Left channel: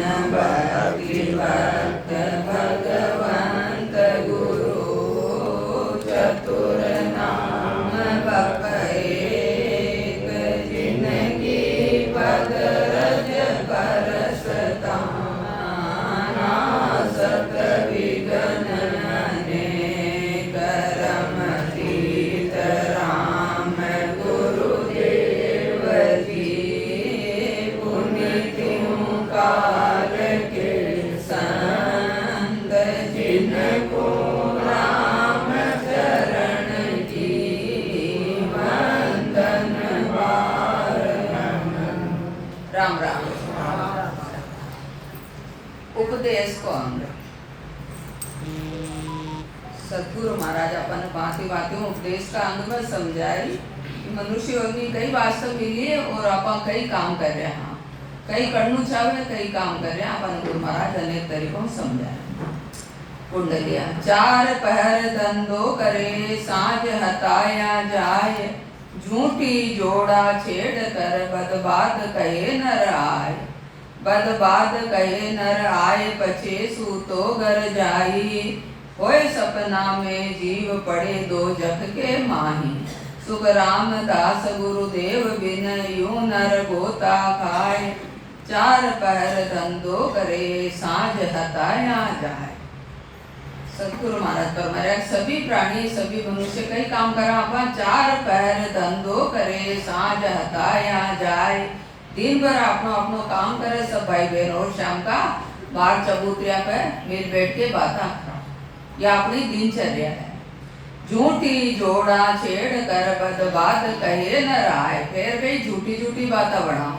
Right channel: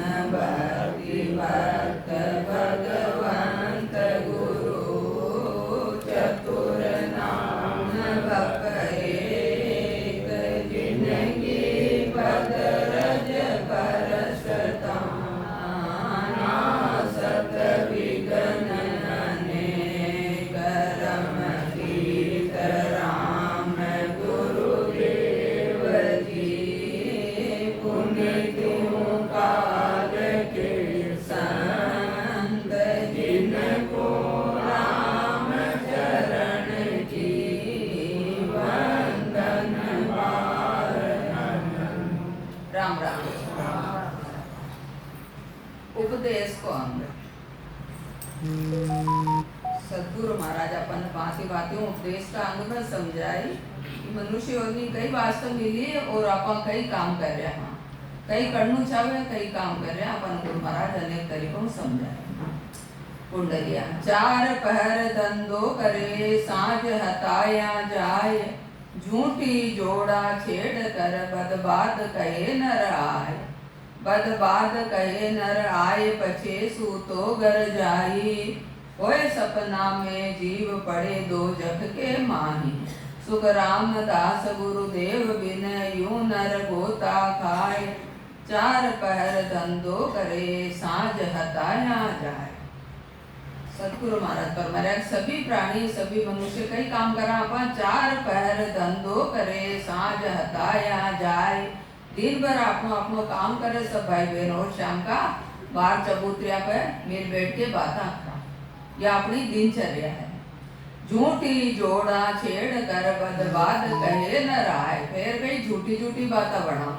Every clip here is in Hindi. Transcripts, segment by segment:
भक्ति भक्त भगवंत गुरु चतुर नाम बप एक जिनकी पद रज परस ताना सत विघ्न अनेक रम सीत राम गुरुदेव जी पुनीत काल के संत जिनको राम चरण की वंदन बार। राम राम। उपदेश को अंग सदगुरु महाराज अपन भांति भांति उपदेश का अंग में समझाई कि मनुष्य योनि कई वास्तव मिली और अपन कई काम कर रहे हैं, कई करनु चाहे कई काम कर रहे हैं। अपन गुरु महाराज अनेक तरीकों में समझाए। कुंडलिया चार पहर धंधो करे साँझ हताया जाए, झूठी जोड़ा छेड़ कर बदबाद कहे नर आए। बदबाद कहे नर आए पछे सूतो घर जाई, होए सपना में जीव पड़े दो जख के माही। सुख रामदास गुरुदेव बिन यूं नर गोता खाए, चार पहर धंधो करे साँझ हताया जाए। सतगुरु महाराज फरमाया सभी प्राणी सभी मनुष्य कई काम करा अपन चार पहर धंधो करे साँझ हताया जाए। दिन भर अपनो अपनो काम करे सब भाई बहन और शाम का बाहर चबूतरिया पे मिल बैठ के बातें करा, यह अपनी दिनचर्या है। झूठी जोड़ा छेड़ कर बदबाद कहे न राय, फिर कई झूठी झूठी बातें बढ़ाओ।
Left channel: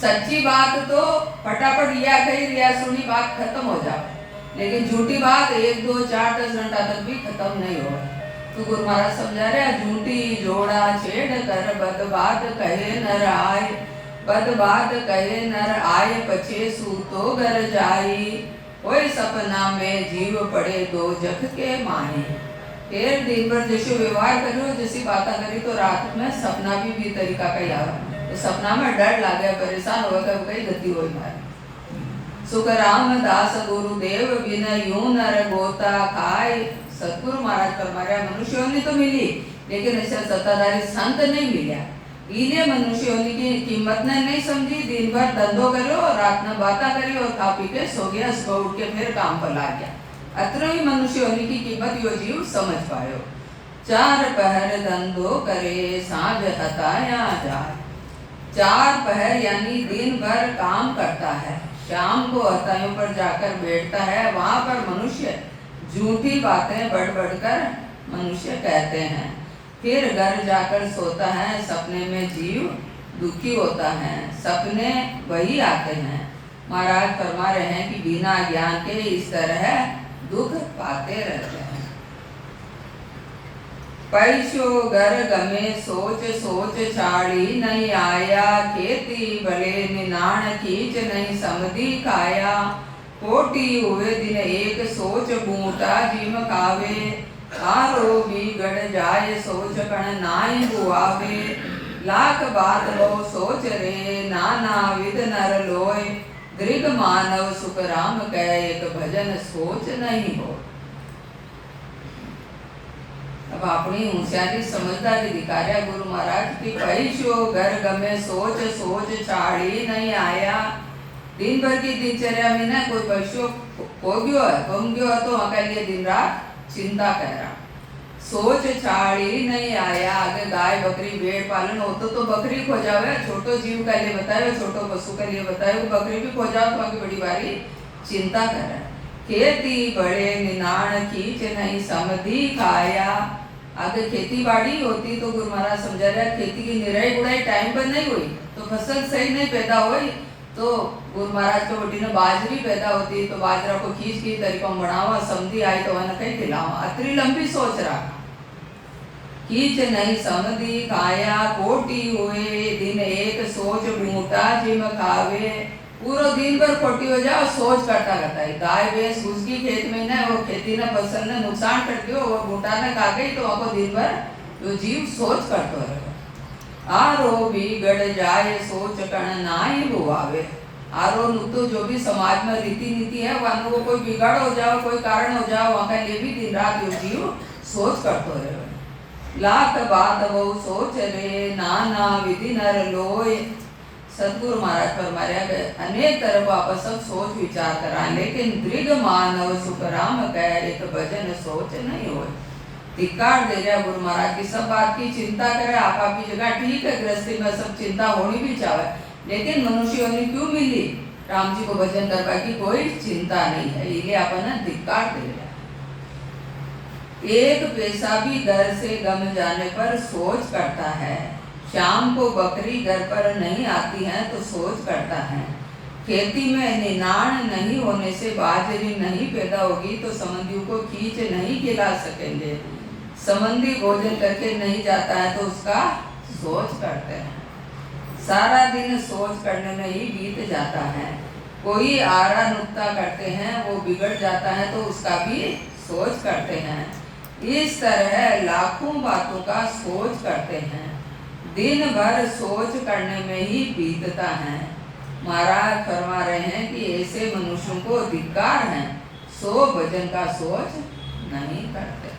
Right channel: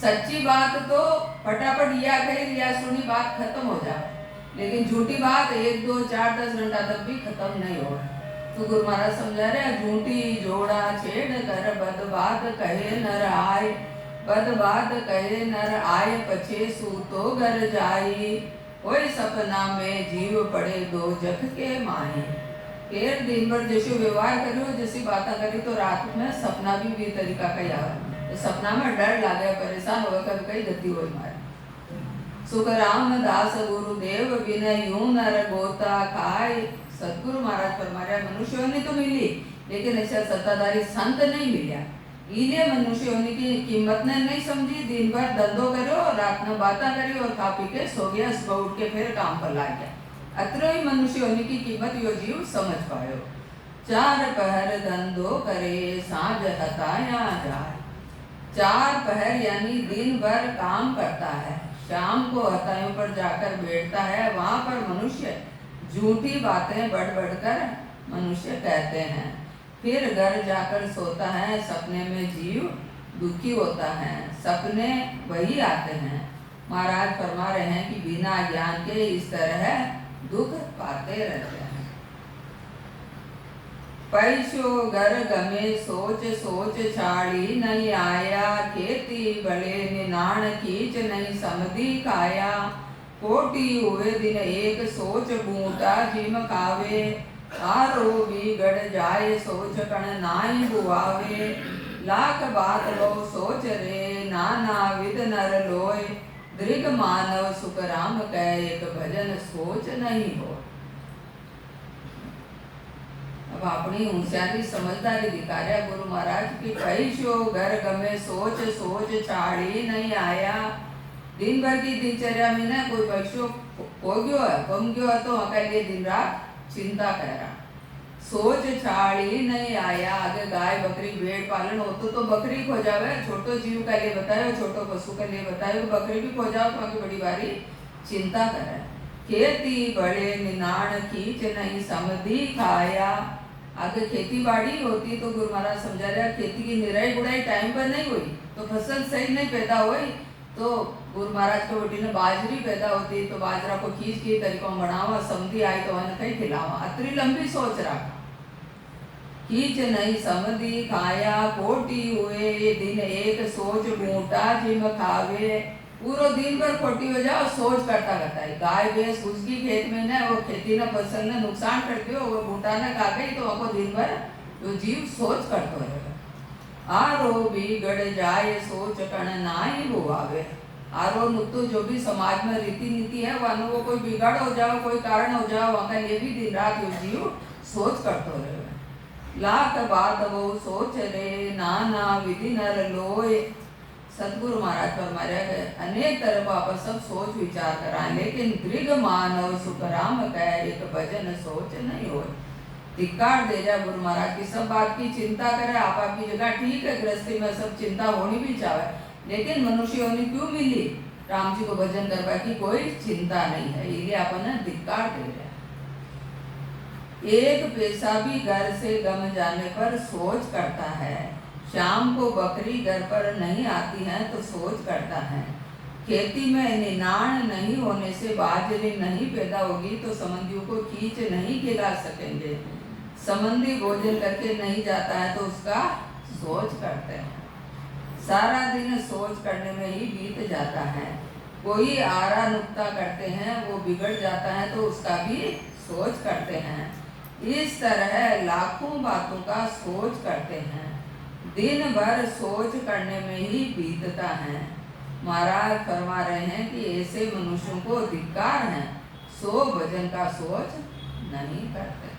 सच्ची बात तो फटाफट या कही रिया सुनी बात खत्म हो जाए, लेकिन झूठी बात 1 2 4 10 घंटा तक भी खत्म नहीं हो। तो गुरु महाराज समझा रहे झूठी जोड़ा छेड़ कर बदबाद कहे न राय। बदबाद कहे नर आए पछे सूतो घर जाई, कोई सपना में जीव पड़े दो जख के माही। फिर दिन भर जैसे व्यवहार करो जैसी बातें करी तो रात में सपना भी तरीका का यार, तो सपना में डर लागे परेशान हो गए कई गति हो मारे। सुख रामदास गुरुदेव बिन यूं नर गोता खाए। सतगुरु महाराज फरमाया मनुष्यों ने तो मिली लेकिन ऐसा सत्ताधारी संत नहीं मिला। इन्हें मनुष्य होने की कीमत ने नहीं समझी, दिन भर धंधो करो रात में बातें करी और खा पी के सो गया, सुबह उठ के फिर काम पर ला गया। अत्र ही मनुष्य होने की कीमत यो जीव समझ पायो। चार पहर धंधो करे साँझ हताया जाए। चार पहर यानी दिन भर काम करता है, शाम को हतायों पर जाकर बैठता है। वहां पर मनुष्य झूठी बातें बढ़ बढ़कर मनुष्य कहते हैं, फिर घर जाकर सोता है। सपने में जीव दुखी होता है, सपने वही आते हैं। महाराज फरमा रहे हैं कि बिना ज्ञान के इस तरह दुख पाते रहते हैं। पैसो घर गमे सोच सोच छाड़ी नहीं आया, खेती भले निनाण खींच नहीं समधी खाया। कोटि हुए दिन एक सोच बूटा जिम खावे, तारो बिगड़ जाए सोच कण नाई बुआवे। लाख बात लो सोच रे नाना विध नर लोय, दृग मानव सुख राम कह एक भजन सोच नहीं हो। अब अपनी होशियारी समझदारी दिखा रहा गुरु महाराज की पैसो घर गमे सोच सोच छाड़ी नहीं आया। दिन भर की दिनचर्या में ना कोई पैसो हो गयो है गुम गयो है तो वहां के लिए दिन रात चिंता कर रहा। सोच छाड़ी नहीं आया, आगे गाय बकरी भेड़ पालन हो तो बकरी खो जावे, छोटो जीव का लिए बताए, छोटो पशु का लिए बताए, बकरी भी खो जाओ तो आगे बड़ी बारी चिंता करे। खेती बड़े निनाण खींच नहीं समधी खाया। आगे खेती बाड़ी होती तो गुरु महाराज समझा रहा खेती की निराई गुड़ाई टाइम पर नहीं हुई तो फसल सही नहीं पैदा हुई। तो गुरु महाराज के वोटी ने बाजरी पैदा होती तो बाजरा को खींच के तरीकों बढ़ावा, समधी आई तो वह कहीं खिलावा। अतरी लंबी सोच रहा खींच नहीं समधी खाया। कोटि हुए दिन एक सोच बूटा जिम खावे। पूरा दिन भर खोटी हो जाए और सोच करता रहता है। गाय भैंस घुस गई खेत में ना, वो खेती ने फसल ने नुकसान कर दियो, वो बूटा ने खा गई तो वह दिन भर जो जीव सोच करते रहेगा। आरो बिगड़ जाए सोच कण नाई बुआवे। आरो नुक्तो जो भी समाज में रीति नीति है वहाँ वो कोई बिगड़ हो जाओ, कोई कारण हो जाओ, वहाँ का ये भी दिन रात यो जीव सोच करते रहे। लाख बात वो सोच रे, नाना विधि नर लोय। सतगुरु महाराज फरमाया गए अनेक तरफ आप सब सोच विचार करा, लेकिन दृढ़ मानव सुख राम कह, एक भजन सोच नहीं हो। धिक्कार दे रहा गुरु महाराज की, सब बात की चिंता करे, आप आपकी जगह ठीक है, गृहस्थी में सब चिंता होनी भी चाहे, लेकिन मनुष्य ने क्यों मिली राम जी को भजन करवा की कोई चिंता नहीं है, ये अपन धिक्कार दे रहा। एक पैसा भी घर से गम जाने पर सोच करता है, शाम को बकरी घर पर नहीं आती है तो सोच करता है। खेती में निनाण नहीं होने से बाजरी नहीं पैदा होगी तो संबंधियों को खींच नहीं खिला सकेंगे। संबंधी भोजन करके नहीं जाता है तो उसका सोच करते हैं। सारा दिन सोच करने में ही बीत जाता है। कोई आरा नुक्ता करते हैं वो बिगड़ जाता है तो उसका भी सोच करते हैं। इस तरह लाखों बातों का सोच करते हैं, दिन भर सोच करने में ही बीतता है। महाराज फरमा रहे हैं कि ऐसे मनुष्यों को धिक्कार है, सो भजन का सोच नहीं करते।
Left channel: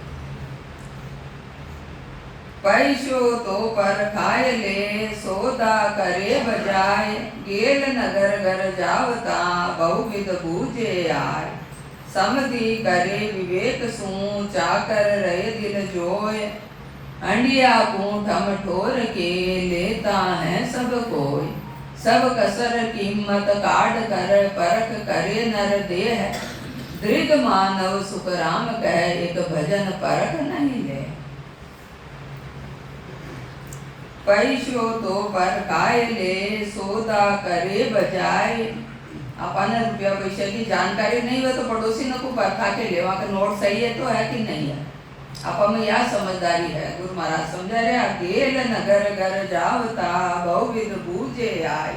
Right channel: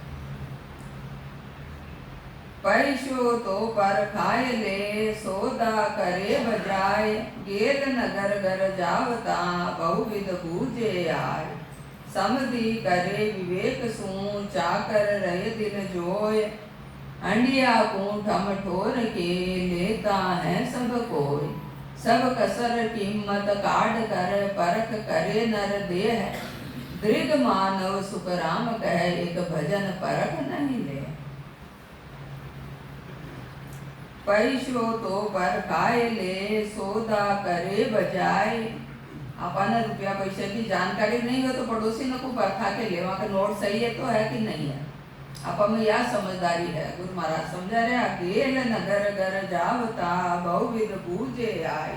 पैसो तो पर खाए ले, सौदा करे बजाय, गेल नगर घर जावता, बहुविध बूझे आय। समधि करे विवेक सू, चाकर रहे दिल जोय। अंडिया पूठम ठोर के, लेता है सब कोई। सब कसर कीमत काट कर, परख करे नर देह। दृढ़ मानव सुख राम कह, एक भजन परख नहीं ले। पैसो तो पर खाए ले, सौदा करे बजाय। अपन रुपया पैसे की जानकारी नहीं हो तो पड़ोसी ने को परखा के ले, वहाँ का नोट सही है तो है कि नहीं है। अपन में यह समझदारी है। गुरु महाराज समझा रहे, गेल नगर घर जावता, बहुविध बूझे आय।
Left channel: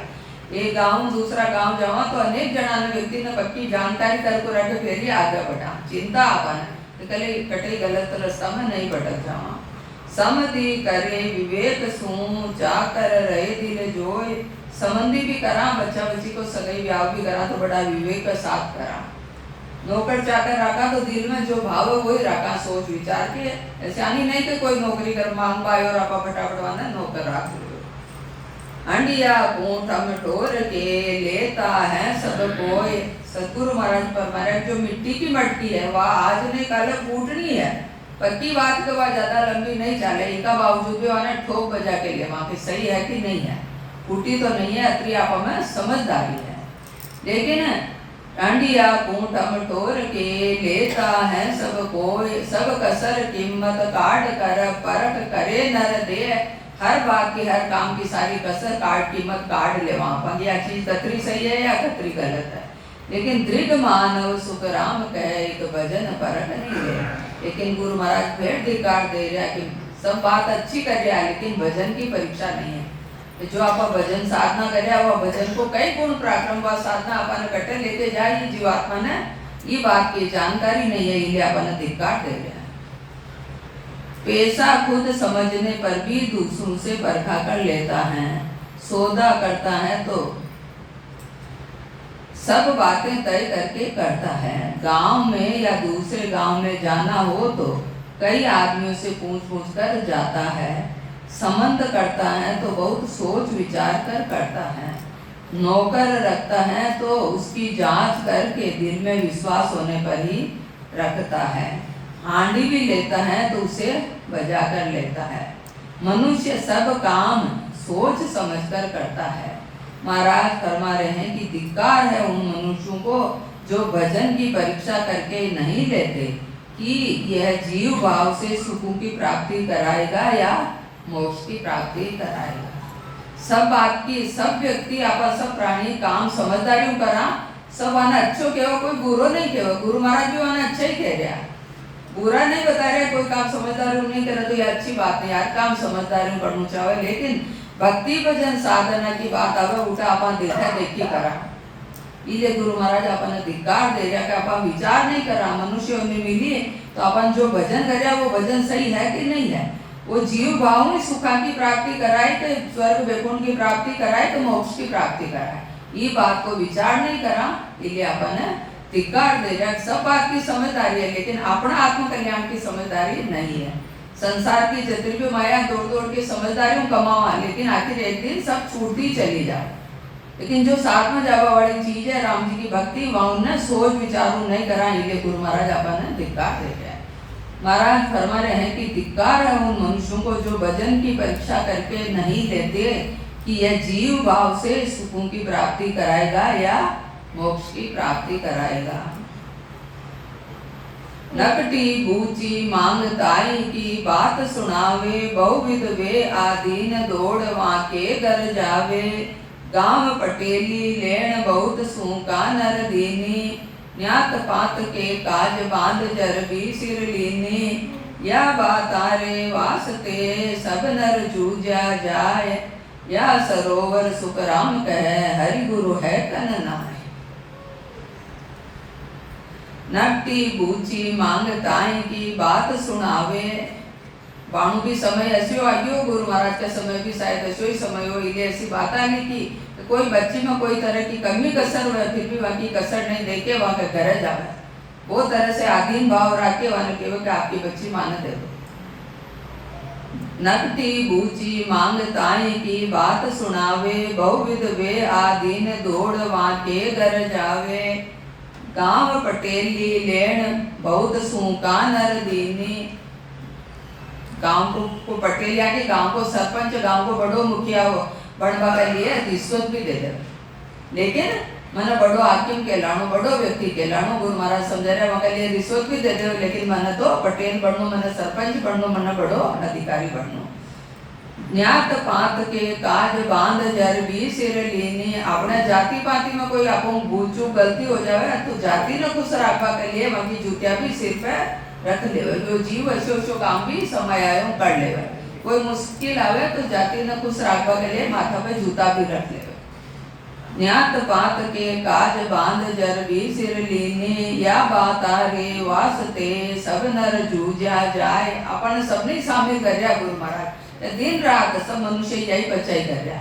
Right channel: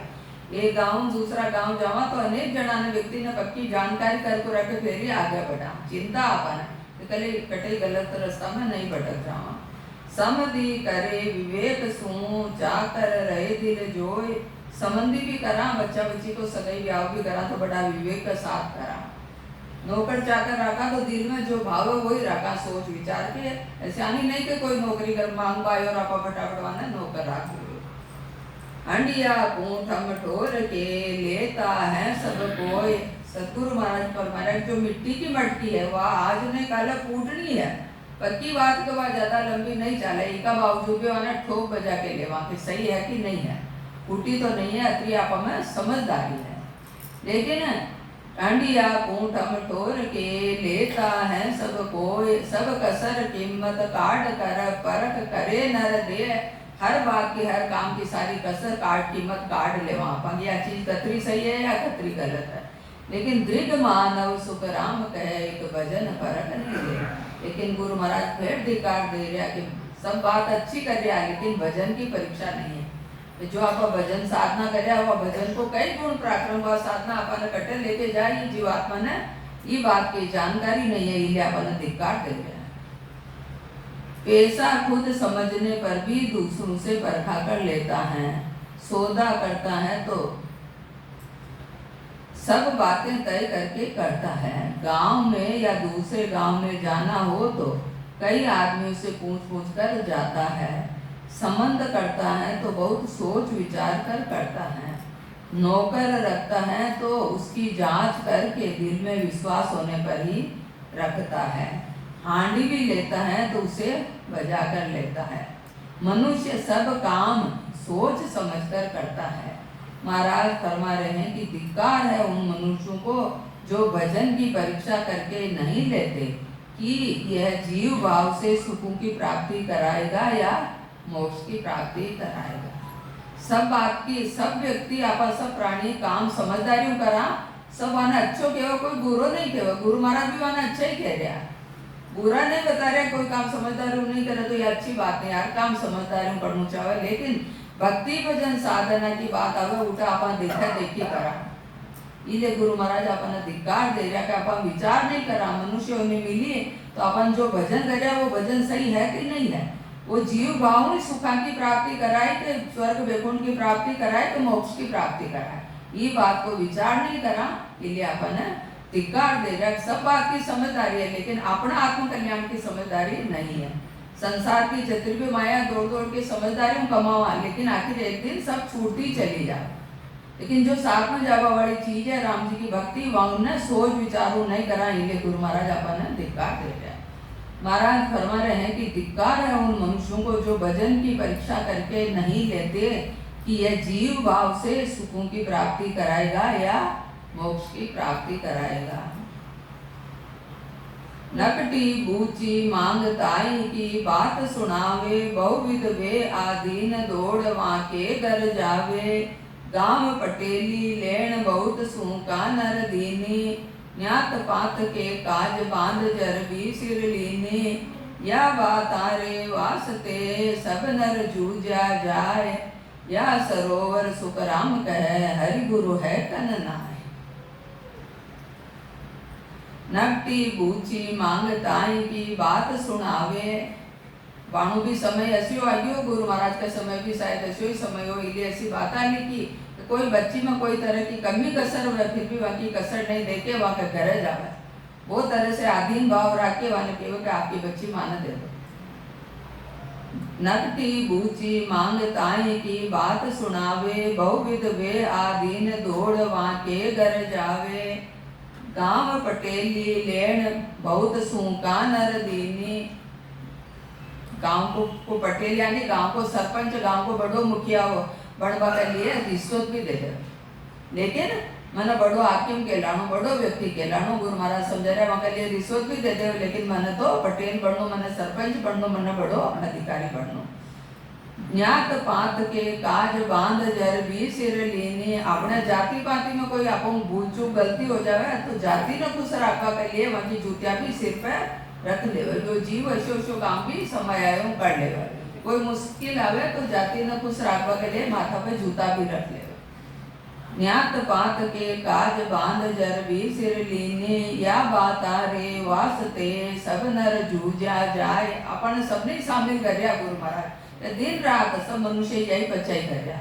एक गांव दूसरा गांव जावा तो अनेक जना ने व्यक्ति ने पक्की जानकारी कर को रखे फिर ही आगे बढ़ा। चिंता अपन कले कटे गलत रास्ता में नहीं भटक जावा। समधि करे विवेक सू, चाकर रहे दिल जोय। संबंधी भी करा, बच्चा बच्ची को सगाई ब्याह भी करा तो बड़ा विवेक का साथ करा। नौकर चाकर रखा तो दिल में जो भाव है वही रखा, सोच विचार के। ऐसा नहीं कि कोई नौकरी कर मांग पाए और आप फटाफट वाना नौकर रख दो। अंडिया पूठम ठोर के, लेता है सब कोई। सतगुरु महाराज फरमाया जो मिट्टी की मटकी है वह आज नहीं कल फूटनी है। पक्की बात तो वह ज्यादा लंबी नहीं चले, इसका बावजूद भी वहां ठोक बजा के ले वहां की सही है कि नहीं है, फूटी तो नहीं है। अत्री आप में समझदारी है। लेकिन अंडिया पूठम ठोर के, लेता है सब कोई। सब कसर कीमत काट कर, परख करे नर दे। हर बात की हर काम की सारी कसर काट कीमत काट ले वहां पर, यह चीज कतरी सही है या कतरी गलत है। लेकिन दृढ़ मानव सुख राम कहे, एक भजन परख नहीं ले। लेकिन गुरु महाराज फिर धिक्कार दे रहा कि सब बात अच्छी कर रहा है लेकिन भजन की परीक्षा नहीं है। जो आप भजन साधना करे वह भजन को कई गुण पराक्रम व साधना अपन कटे लेके जाए, जीवात्मा ने ये बात की जानकारी नहीं है, इसलिए अपन धिक्कार दे रहे हैं। पैसा खुद समझने पर भी दूसरों से परखा कर लेता है, सौदा करता है तो सब बातें तय करके करता है। गांव में या दूसरे गांव में जाना हो तो कई आदमियों से पूछ कर जाता है। संबंध करता है तो बहुत सोच विचार कर करता है। नौकर रखता है तो उसकी जांच करके दिल में विश्वास होने पर ही रखता है। हांडी भी लेता है तो उसे बजा कर लेता है। मनुष्य सब काम सोच समझकर करता है। महाराज फरमा रहे हैं कि धिक्कार है उन मनुष्यों को जो भजन की परीक्षा करके नहीं लेते कि यह जीव भाव से सुखों की प्राप्ति कराएगा या मोक्ष की प्राप्ति कराएगा। सब बात की सब व्यक्ति आपस सब प्राणी काम समझदारी करा, सब आना अच्छो कहो, कोई बुरो नहीं कहो। गुरु महाराज भी आना अच्छा ही कह रहा, बुरा नहीं बता रहे। कोई काम समझदारी नहीं करे तो ये अच्छी बात नहीं यार, काम समझदारी करना चाहे। लेकिन भक्ति भजन साधना की बात आवे उठा अपन देखा देखी करा, इसलिए गुरु महाराज अपन धिक्कार दे रहा कि अपन विचार नहीं करा। मनुष्य ने मिली तो अपन जो भजन कर वो भजन सही है कि नहीं है। वो जीव भाव में सुखा की प्राप्ति कराए तो स्वर्ग वैकुंठ की प्राप्ति कराए तो मोक्ष की प्राप्ति कराए। ये बात को विचार नहीं करा इसलिए अपन धिक्कार दे रहा। सब बात की समझदारी है लेकिन अपना आत्मकल्याण की समझदारी नहीं है। संसार की जितनी भी माया दौड़ दौड़ के समझदारी कमावा लेकिन आखिर एक दिन सब छूटती चली जाए। लेकिन जो साथ में जावा वाली चीज है राम जी की भक्ति वहाँ उन्हें सोच विचारू नहीं करा इसलिए गुरु महाराज अपन धिक्कार दे रहे हैं। महाराज फरमा रहे हैं कि धिक्कार है उन मनुष्यों को जो भजन की परीक्षा करके नहीं लेते कि यह जीव भाव से सुखों की प्राप्ति कराएगा या मोक्ष की प्राप्ति कराएगा। नकटी बूची मांग ताई की बात सुनावे बहुविध वे आदीन दौड़ वहाँ के घर जावे। गांव पटेली लेन बहुत सूका नर दीनी न्यात पात के काज बांध जर भी सिर लीनी। या बात आरे वास्ते सब नर जूझा जाए या सरोवर सुखराम कहे हरि गुरु है कन नाय। नकटी बूची मांग ताई की बात सुनावे। बाणु भी समय ऐसे आयो गुरु महाराज का समय भी शायद ऐसे ही समय हो इसलिए ऐसी बात आने की कोई बच्ची में कोई तरह की कमी कसर हो फिर भी वहाँ की कसर नहीं देके वहाँ के घर जावे वो तरह से आधीन भाव रखे वहाँ के कि आपकी बच्ची मान दे दो। नकटी बूची मांग ताई की बात सुनावे बहुविध वे आधीन दौड़ वहाँ के घर जावे। गांव पटेली लेन बहुत सूका नर दीनी। गांव को पटेल यानी गांव को सरपंच गांव को बड़ो मुखिया हो बढ़वा के लिए रिश्वत भी दे दे लेकिन मैंने बड़ो हाकिम कहलाणो बड़ो व्यक्ति कहलाणो गुरु महाराज समझा रहे वहाँ के लिए रिश्वत भी दे दे लेकिन मैंने तो पटेल बनू मैंने सरपंच बनू मैंने बड़ो अधिकारी बनू। न्यात पात के काज बांध जर भी सिर लीनी। अपने जाति पाति में कोई आपको भूल चूक गलती हो जाए तो जाति ने खुश रखवा के लिए वहाँ की जूतिया भी सिर पे रख ले। जो जीव ऐसो काम भी समय आयो कर ले। कोई मुश्किल आवे तो जाति ने खुश रखवा के लिए माथा पे जूता भी रख ले। न्यात पात के काज बांध जर भी सिर लीनी। या बात रे वास्ते सब नर जूझा जाए। अपन सबने शामिल कर रहा गुरु महाराज दिन रात सब मनुष्य यही बचाई कर रहा।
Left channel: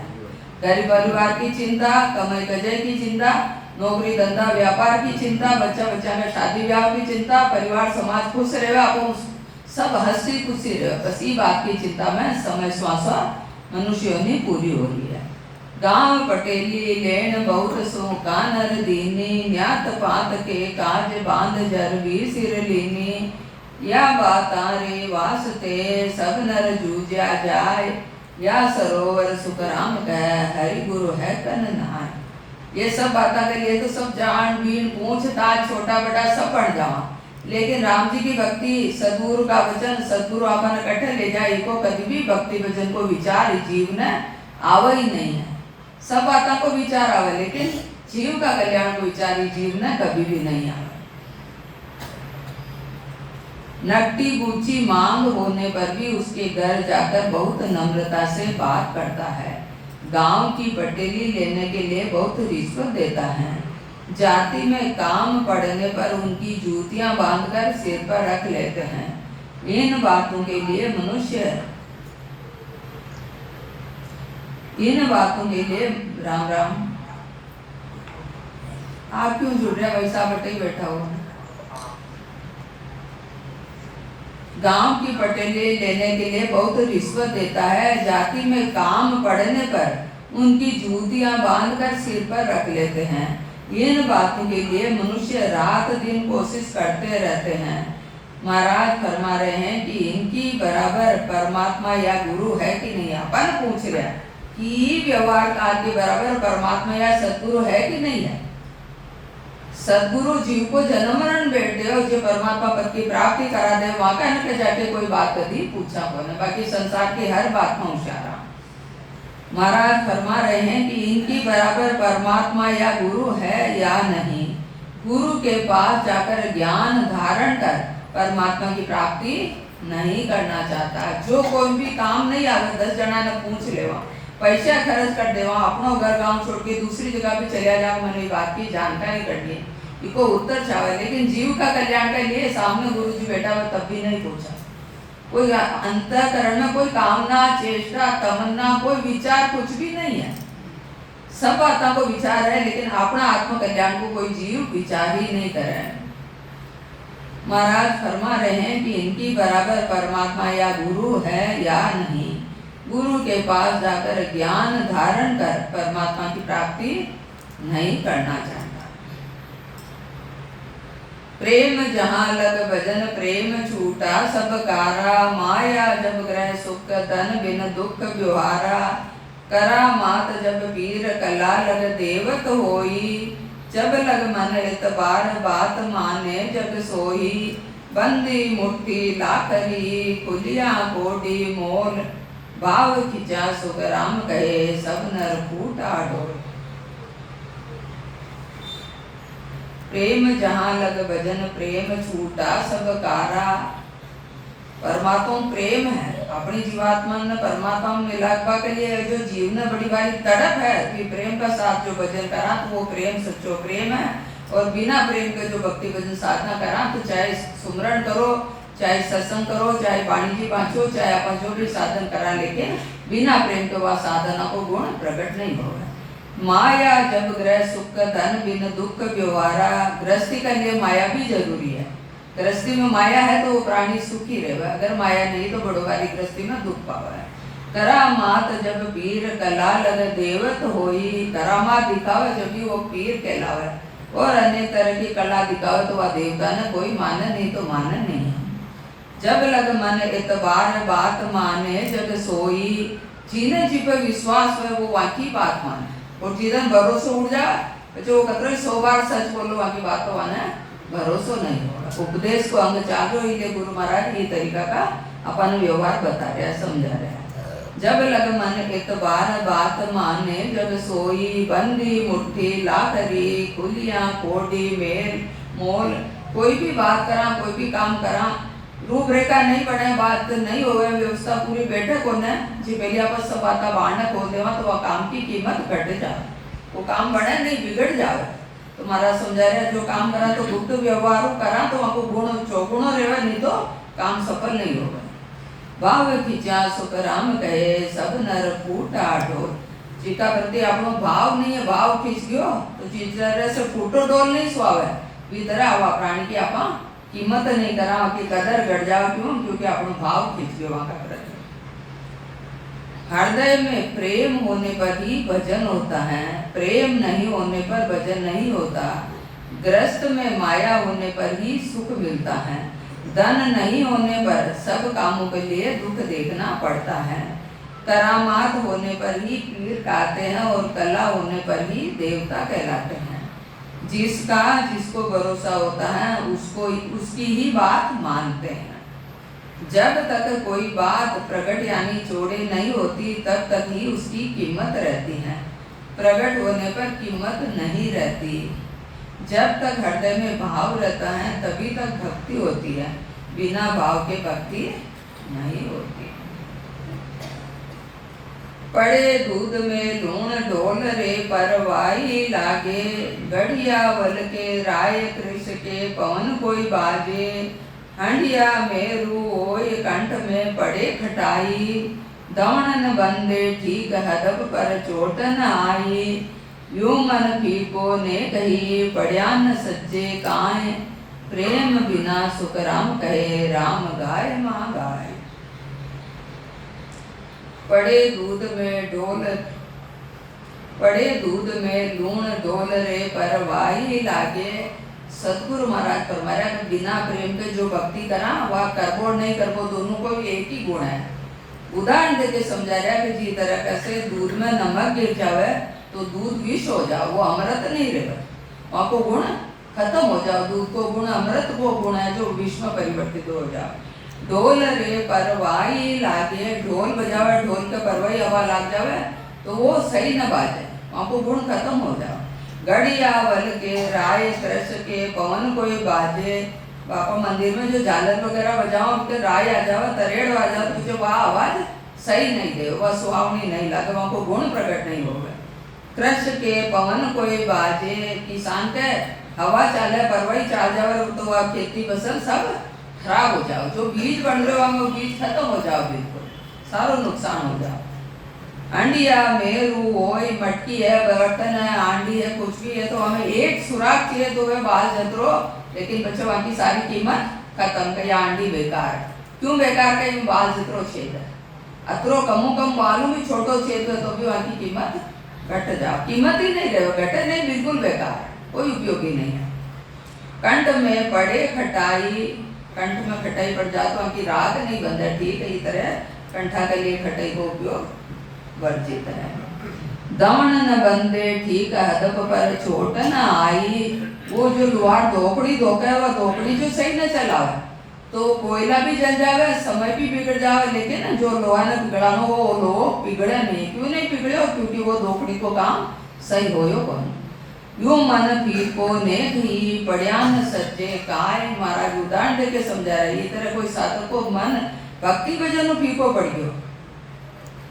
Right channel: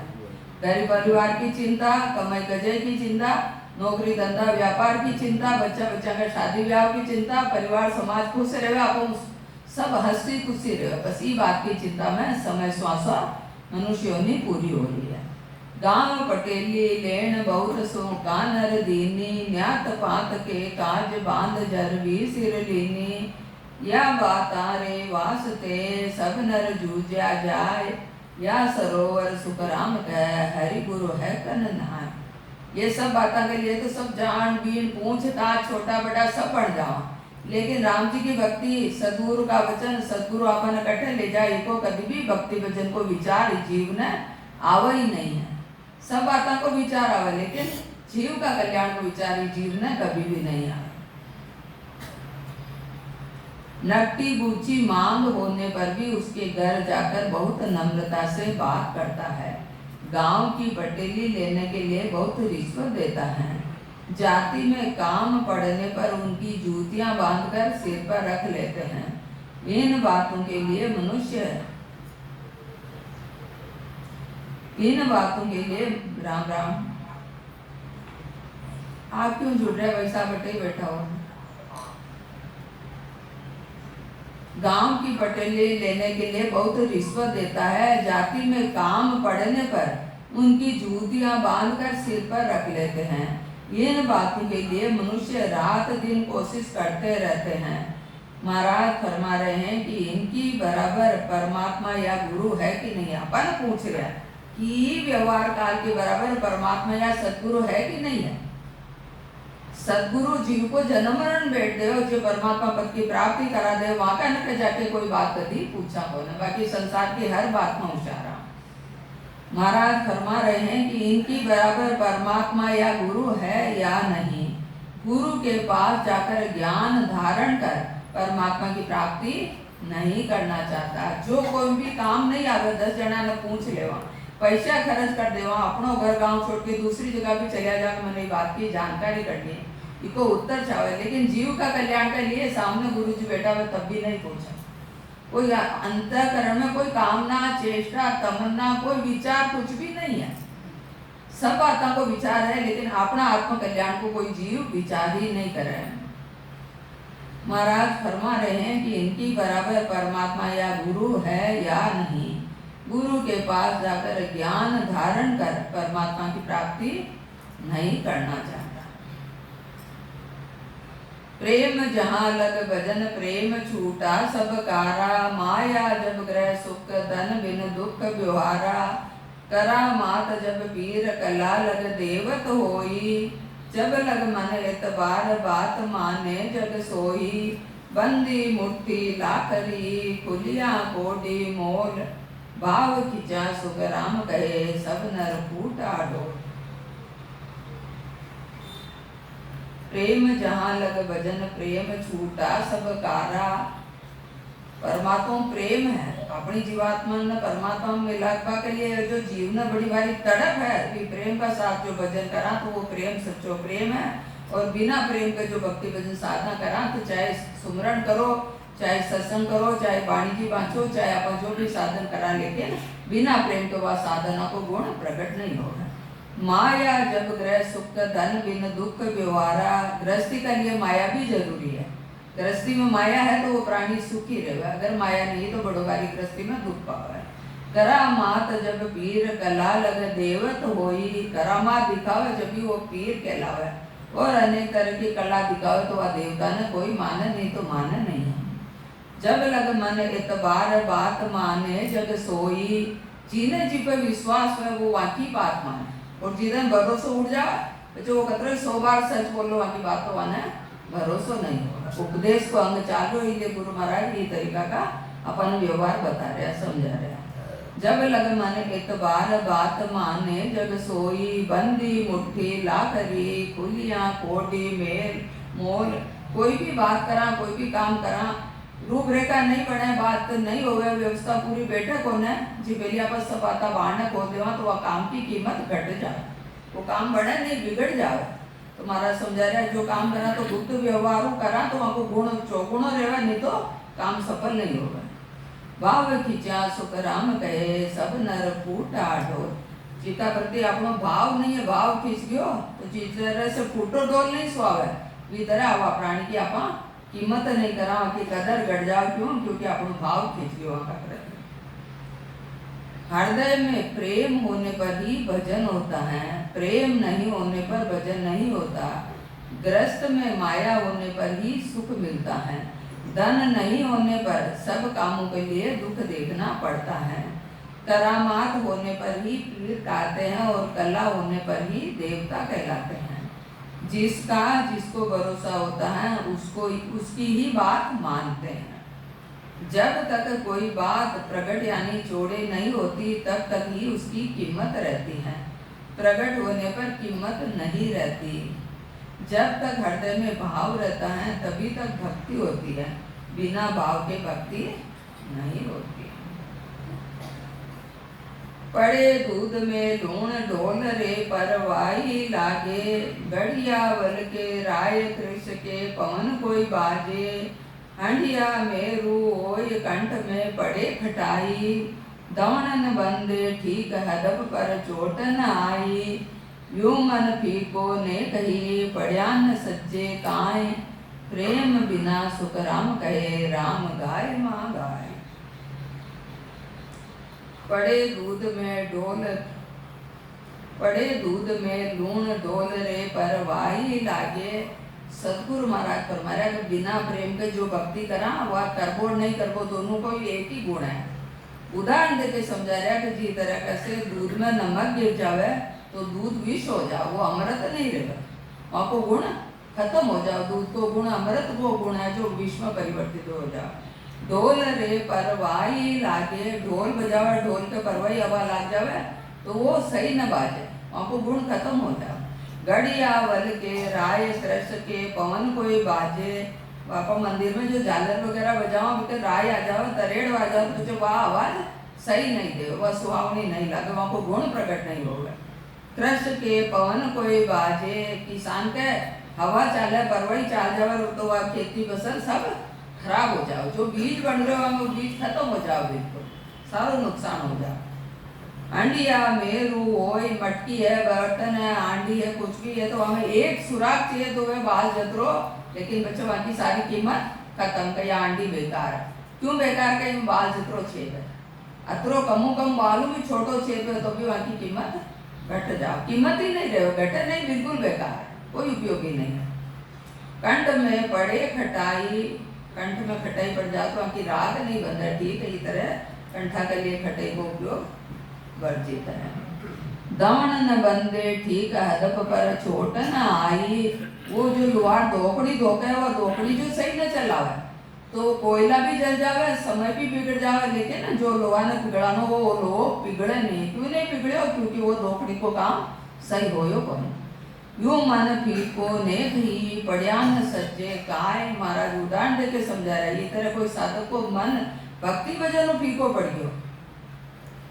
घर परिवार की चिंता कमाई कजय की चिंता नौकरी धंधा व्यापार की चिंता बच्चा का शादी ब्याह की चिंता परिवार समाज खुश रहे आप सब हंसी खुशी रहे बस ये बात की चिंता में समय श्वासा मनुष्यों ने पूरी हो रही है। गांव पटेली लेन बहुत सूका नर दीनी। न्यात पात के काज बांध जर भी सिर लीनी। या बात रे वास्ते सब नर जूझा जाए या सरोवर सुखराम कह हरि गुरु है कन नहाय। ये सब बातें के लिए तो सब जान बीन पूछताछ छोटा बड़ा सब बढ़ जावा लेकिन राम जी की भक्ति सदगुरु का वचन सदगुरु अपन कट्ठे ले जाए को कभी भी भक्ति वचन को विचार जीव ने आवे ही नहीं है। सब बातों को विचार आवे लेकिन जीव का कल्याण को विचार जीव ने कभी भी नहीं आवे। नकटी बूची मांग होने पर भी उसके घर जाकर बहुत नम्रता से बात करता है। गांव की पटेली लेने के लिए बहुत रिश्वत देता है। जाति में काम पड़ने पर उनकी जूतियां बांधकर सिर पर रख लेते हैं। इन बातों के लिए राम राम। आप क्यों जुड़ रहे वैसा बटे बैठा हो। गांव की पटेली लेने के लिए बहुत रिश्वत देता है। जाति में काम पड़ने पर उनकी जूतियां बांधकर सिर पर रख लेते हैं। इन बातों के लिए मनुष्य रात दिन कोशिश करते रहते हैं। महाराज फरमा रहे हैं कि इनकी बराबर परमात्मा या गुरु है कि नहीं। अपन पूछ रहे हैं कि व्यवहार काल के बराबर परमात्मा या सदगुरु है कि नहीं है। सदगुरु जीव को जन्म मरण बैठ दे जो परमात्मा पद की प्राप्ति करा दे वहां का न जाके कोई बात कभी पूछा को न बाकी संसार की हर बात में उशारा। महाराज फरमा रहे हैं कि इनकी बराबर परमात्मा या गुरु है या नहीं। गुरु के पास जाकर ज्ञान धारण कर परमात्मा की प्राप्ति नहीं करना चाहता। जो कोई भी काम नहीं आवे 10 जना ने पूछ लेवा पैसा खर्च कर देवा अपनो घर गांव छोड़ के दूसरी जगह भी चलिया जाओ मैंने बात की जानकारी करनी है इको उत्तर चाहे। लेकिन जीव का कल्याण के लिए सामने गुरु जी बैठा हुआ तब भी नहीं पूछा। कोई अंतःकरण में कोई कामना चेष्टा तमन्ना कोई विचार कुछ भी नहीं है। सब बातों को विचार है, लेकिन अपना आत्म कल्याण को कोई जीव विचार ही नहीं कर रहा है। महाराज फरमा रहे हैं कि इनकी बराबर परमात्मा या गुरु है या नहीं। गुरु के पास जाकर ज्ञान धारण कर परमात्मा की प्राप्ति नहीं करना चाहता। प्रेम जहाँ लग भजन प्रेम छूटा सब कारा, माया जब ग्रह सुख धन बिन दुख व्यवहारा। करा मात जब पीर कला लग देवत होई, जब लग मन इतबार बात माने जग सोई। बंदी मुट्ठी लाकरी खुलिया कोडी मोल, भाव खिंचा सुख राम कहे सब नर फूटा डोल। प्रेम जहाँ लग भजन प्रेम छूटा सब कारा। परमात्मा प्रेम है, अपनी जीवात्मा ने परमात्मा में मिलापा के लिए जो जीव ने बड़ी भारी तड़प है कि प्रेम का साथ जो भजन करा तो वो प्रेम सच्चो प्रेम है। और बिना प्रेम के जो भक्ति भजन साधना करा तो चाहे सुमरण करो, चाहे सत्संग करो, चाहे वाणी जी बांचो, चाहे अपन जो भी साधन करा, लेकिन बिना प्रेम के वह साधना को गुण प्रकट नहीं होगा। माया जब ग्रह सुख धन बिन दुख व्यवहारा। गृहस्थी के लिए माया भी जरूरी है। गृहस्थी में माया है तो वो प्राणी सुखी रहेगा, अगर माया नहीं तो बड़ो वाली गृहस्थी में दुख पावा है। करामात जब पीर कला लग देवत होई। करामात दिखावे जब भी वो पीर कहलावे, और अनेक तरह की कला दिखावे तो वह देवता ने कोई माने नहीं तो माने नहीं। जब लग मन इतबार बात माने जब सोई। जिन्हें जिस पर विश्वास है वो वहाँ की बात माने, और जिधन भरोसा उड़ जाए जो कतरे 100 बार सच बोलो वहाँ की बात तो वहाँ भरोसा नहीं होगा। उपदेश को अंग चालो, इसलिए गुरु महाराज ये तरीका का अपन व्यवहार बता रहे हैं, समझा रहे हैं। जब लग मन इतबार बात माने जब सोई। बंदी मुट्ठी लाकरी खुलिया कोडी मेल मोल। कोई भी बात करा, कोई भी काम करा, रूपरेखा नहीं पड़े, बात नहीं हो गए, व्यवस्था पूरी बैठक होने जी पहले आप सब बात बांधक हो देवा तो वह काम की कीमत घट जाए, वो काम बढ़े नहीं बिगड़ जाए। तो महाराज समझा रहे जो काम करा तो गुप्त व्यवहार करा तो वहाँ को गुण चौगुण रहेगा, नहीं तो काम सफल नहीं होगा। भाव खिंचा सुख राम कहे सब नर फूटा ढोल। जीका प्रति अपनो भाव नहीं है, भाव खींच गयो तो चीज से फूटो डोल नहीं स्वावे भीतर आवा प्राणी की आपा कीमत नहीं करा कि कदर गड़ जाओ। क्यों? क्योंकि अपनो भाव खींच गयो वहाँ का प्रति। हृदय में प्रेम होने पर ही भजन होता है, प्रेम नहीं होने पर भजन नहीं होता। ग्रस्त में माया होने पर ही सुख मिलता है, धन नहीं होने पर सब कामों के लिए दुख देखना पड़ता है। करामात होने पर ही पीर कहते हैं और कला होने पर ही देवता कहलाते हैं। जिसका जिसको भरोसा होता है उसको उसकी ही बात मानते हैं। जब तक कोई बात प्रकट यानी चौड़े नहीं होती तब तक ही उसकी कीमत रहती है, प्रकट होने पर कीमत नहीं रहती। जब तक हृदय में भाव रहता है तभी तक भक्ति होती है, बिना भाव के भक्ति नहीं होती। पड़े दूध में लूण ढोल रे परवाई लागे। गढ़िया वल के राय कृष के पवन कोई बाजे। हंडिया मेरू ओय कंठ में पड़े खटाई। दौड़न बंदे ठीक हदब पर चोट न आई। यूं मन फीको ने कही पड़या न सज्जे काए। प्रेम बिना सुख राम कहे राम गाय माँ गाय। पड़े दूध में लूण डोल रे परवाई लागे। सतगुरु महाराज फरमाया कि बिना प्रेम के जो भक्ति करा वह करबो नहीं करबो दोनों को एक ही गुण है। उदाहरण देके समझा रहा कि जी तरह कैसे दूध में नमक गिर जावे तो दूध विष हो जाओ, वो अमृत नहीं रहेगा, वहाँ को गुण खत्म हो जाओ। दूध को गुण अमृत वो गुण है जो विष में परिवर्तित हो जाओ। ढोल रे परवाई लागे, ढोल बजावे, ढोल के परवाई हवा लाग जावे तो वो सही न बाजे, वहाँ को गुण खत्म हो जाओ। गढ़िया वल के राय कृष के पवन कोई बाजे। बापा मंदिर में जो झालर वगैरह बजाओ उनके राय आ जावे, तरेड़ आ जाओ तो वह आवाज सही नहीं दे, वह सुहावनी नहीं लगे, वहाँ को गुण प्रकट नहीं होगा। कृष के पवन कोई बाजे, किसान के हवा चाले परवाई चाल जावे तो वह खेती फसल सब खराब हो जाओ। जो बीज बन रहे हो वो बीज खत्म हो जाओ, बिल्कुल सारो नुकसान हो जाओ। अंडिया मेरू होई मटकी है बर्तन है आंडी है कुछ भी है तो हमें एक सुराग चाहिए तो वह बाल जतरो, लेकिन बच्चों वहाँ की सारी कीमत खत्म का, या आंडी बेकार है। क्यों बेकार का? ये बाल जतरो छेद है, अतरो कमो कम बालू भी छोटो छेद है तो भी वहाँ की कीमत घट जाओ, कीमत ही नहीं रहे, घटे नहीं, बिल्कुल बेकार है, कोई उपयोगी नहीं है। कंठ में पड़े खटाई, कंठ में खटाई पड़ जाए तो वहाँ की राग नहीं बंधे, ठीक है, इस तरह कंठा के लिए खटाई का उपयोग वर्जित है। दान न बंदे ठीक हदप पर चोट न आई, वो जो लोहार धोकड़ी धोके वह धोकड़ी जो सही न चलावे तो कोयला भी जल जावे, समय भी बिगड़ जावे, लेकिन जो लोहा ने बिगड़ानो वो लोहो बिगड़े नहीं। क्यों नहीं बिगड़े? क्योंकि वो धोकड़ी को काम सही होयो कौन। यूं मन फीको नेक ही पड़िया न सच्चे काय, महाराज उदाहरण देके समझा रहे। इस तरह कोई साधक को मन भक्ति भजन फीको पड़ गयो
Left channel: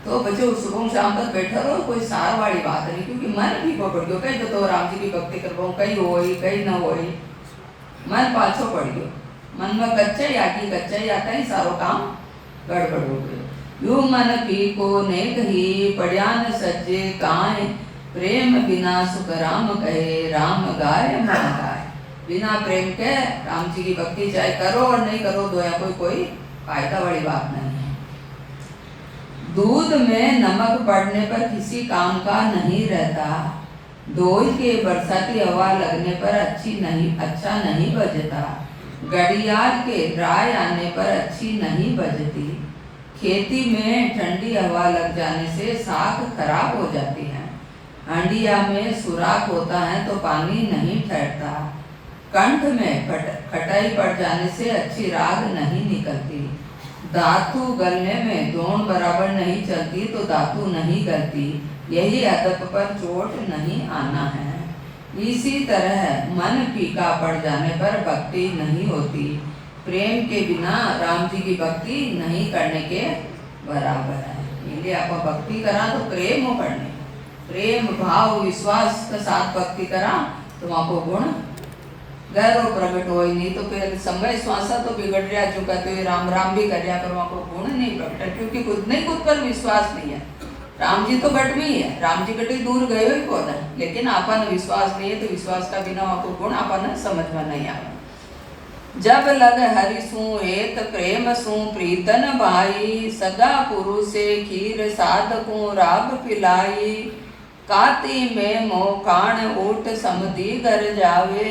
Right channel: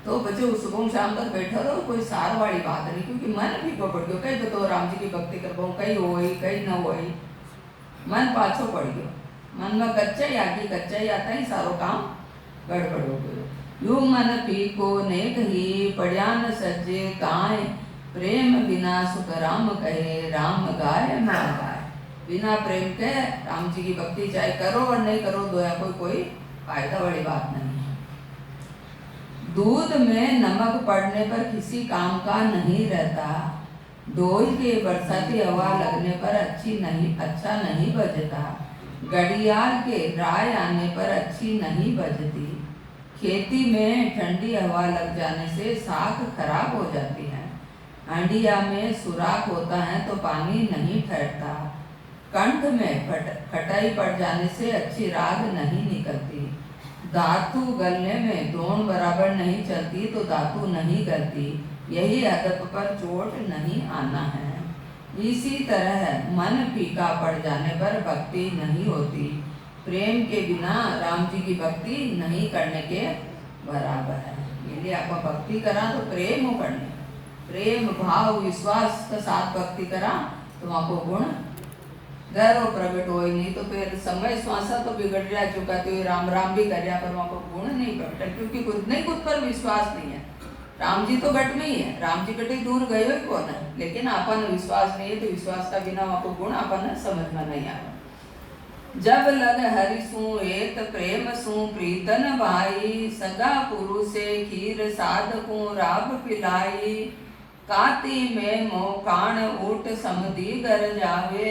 तो बच्चों सुबह शाम तक बैठा रहो, कोई सार वाली बात नहीं, क्योंकि मन फीको पड़ गयो। कहीं तो राम जी की भक्ति करवाऊं, कहीं होई कहीं न होई, मन पाछो पड़ गयो, मन में कच्चा ही आगी कच्चा ही आता ही सारो काम गड़बड़ हो गयो। यूं मन फीको नेक ही पड़िया न सच्चे काय, प्रेम बिना सुख राम कहे राम गाय मन गाय। बिना प्रेम के राम जी की भक्ति चाहे करो और नहीं करो दोया कोई फायदा वाली बात नहीं है। दूध में नमक पड़ने पर किसी काम का नहीं रहता, दोई के बरसाती हवा लगने पर अच्छा नहीं बजता, घड़ियाल के राय आने पर अच्छी नहीं बजती, खेती में ठंडी हवा लग जाने से साख खराब हो जाती है, अंडिया में सुराख होता है तो पानी नहीं ठहरता, कंठ में खटाई पड़ जाने से अच्छी राग नहीं निकलती, धातु गलने में दोण बराबर नहीं चलती तो धातु नहीं गलती, यही अदब पर चोट नहीं आना है। इसी तरह मन फीका पड़ जाने पर भक्ति नहीं होती, प्रेम के बिना राम जी की भक्ति नहीं करने के बराबर है। इसलिए आपको भक्ति करा तो प्रेम हो करने, प्रेम भाव विश्वास के साथ भक्ति करा तो वहाँ को गुण गैरो प्रकट हो ही नहीं, तो फिर समय श्वासा तो बिगड़ रहा चुका, तो राम राम भी कर रहा पर वहाँ को गुण नहीं प्रकट, क्योंकि खुद पर विश्वास नहीं है। राम जी तो गट में ही है, राम जी गटे दूर गए ही कौन है, लेकिन आपन विश्वास नहीं है तो विश्वास का बिना वहाँ को गुण आपन समझ में नहीं आया। जब लग हरि सु एक प्रेम सु प्रीतन भाई, सगा पुरुषे खीर साधकू राब पिलाई, काती में मोकाण ऊट समधी घर जावे,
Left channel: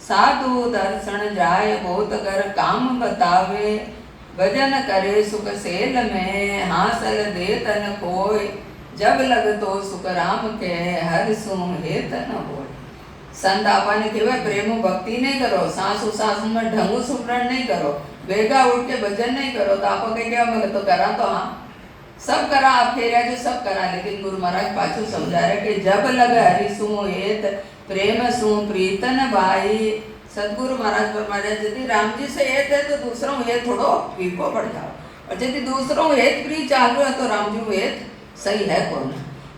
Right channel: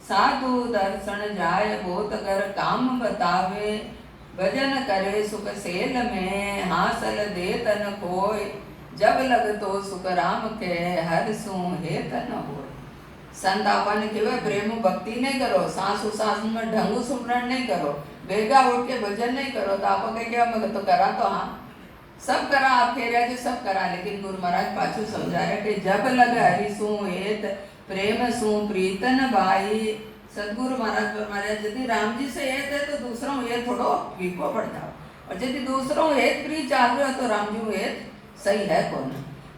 साधु दर्शन जाय बहुत कर काम बतावे, भजन करे सुख सेल में हासल दे तन कोय, जब लग तो सुख राम के हर सु हेतन हो। संत आपने केवे प्रेम भक्ति नहीं करो, सांसु सांस में ढंगू सुमरण नहीं करो, बेगा उठ के भजन नहीं करो तो आपको क्या मैं तो करा, तो हाँ सब करा आप फेरा जो सब करा, लेकिन गुरु महाराज पाछू समझा रहे कि जब लग हरि सु हेत प्रेम सु प्रीतन भाई। सदगुरु महाराज फरमाया यदि राम जी से हेत है तो दूसरों हेत थोड़ो फीको पड़ जाओ, और यदि दूसरों हेत प्री चाल रहे तो राम जी हेत सही है कौन।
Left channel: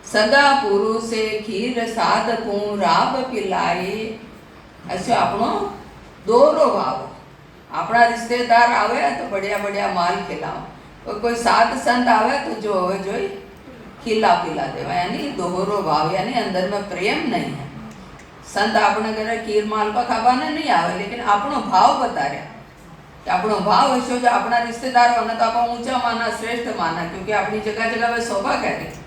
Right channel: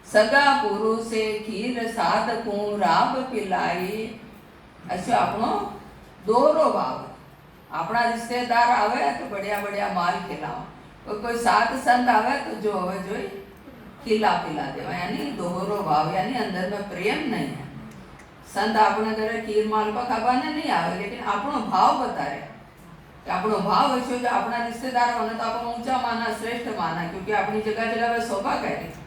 सगा पुरुषे खीर साधकू राब पिलाई, ऐसे अपनो दोरो भाव, अपना रिश्तेदार आवे तो बढ़िया बढ़िया माल खिलाओ, और कोई साध संत आवे तो जो हो जो खिला पिला देवा, यानी दोहरो भाव, यानी अंदर में प्रेम नहीं है। संत अपने घरे खीर मालपा खावाने नहीं आवे, लेकिन अपनो भाव बता रहा कि अपनो भाव हशो जो अपना रिश्तेदार होने तो आप ऊंचा माना श्रेष्ठ माना, क्योंकि अपनी जगह जगह वे शोभा कह रही।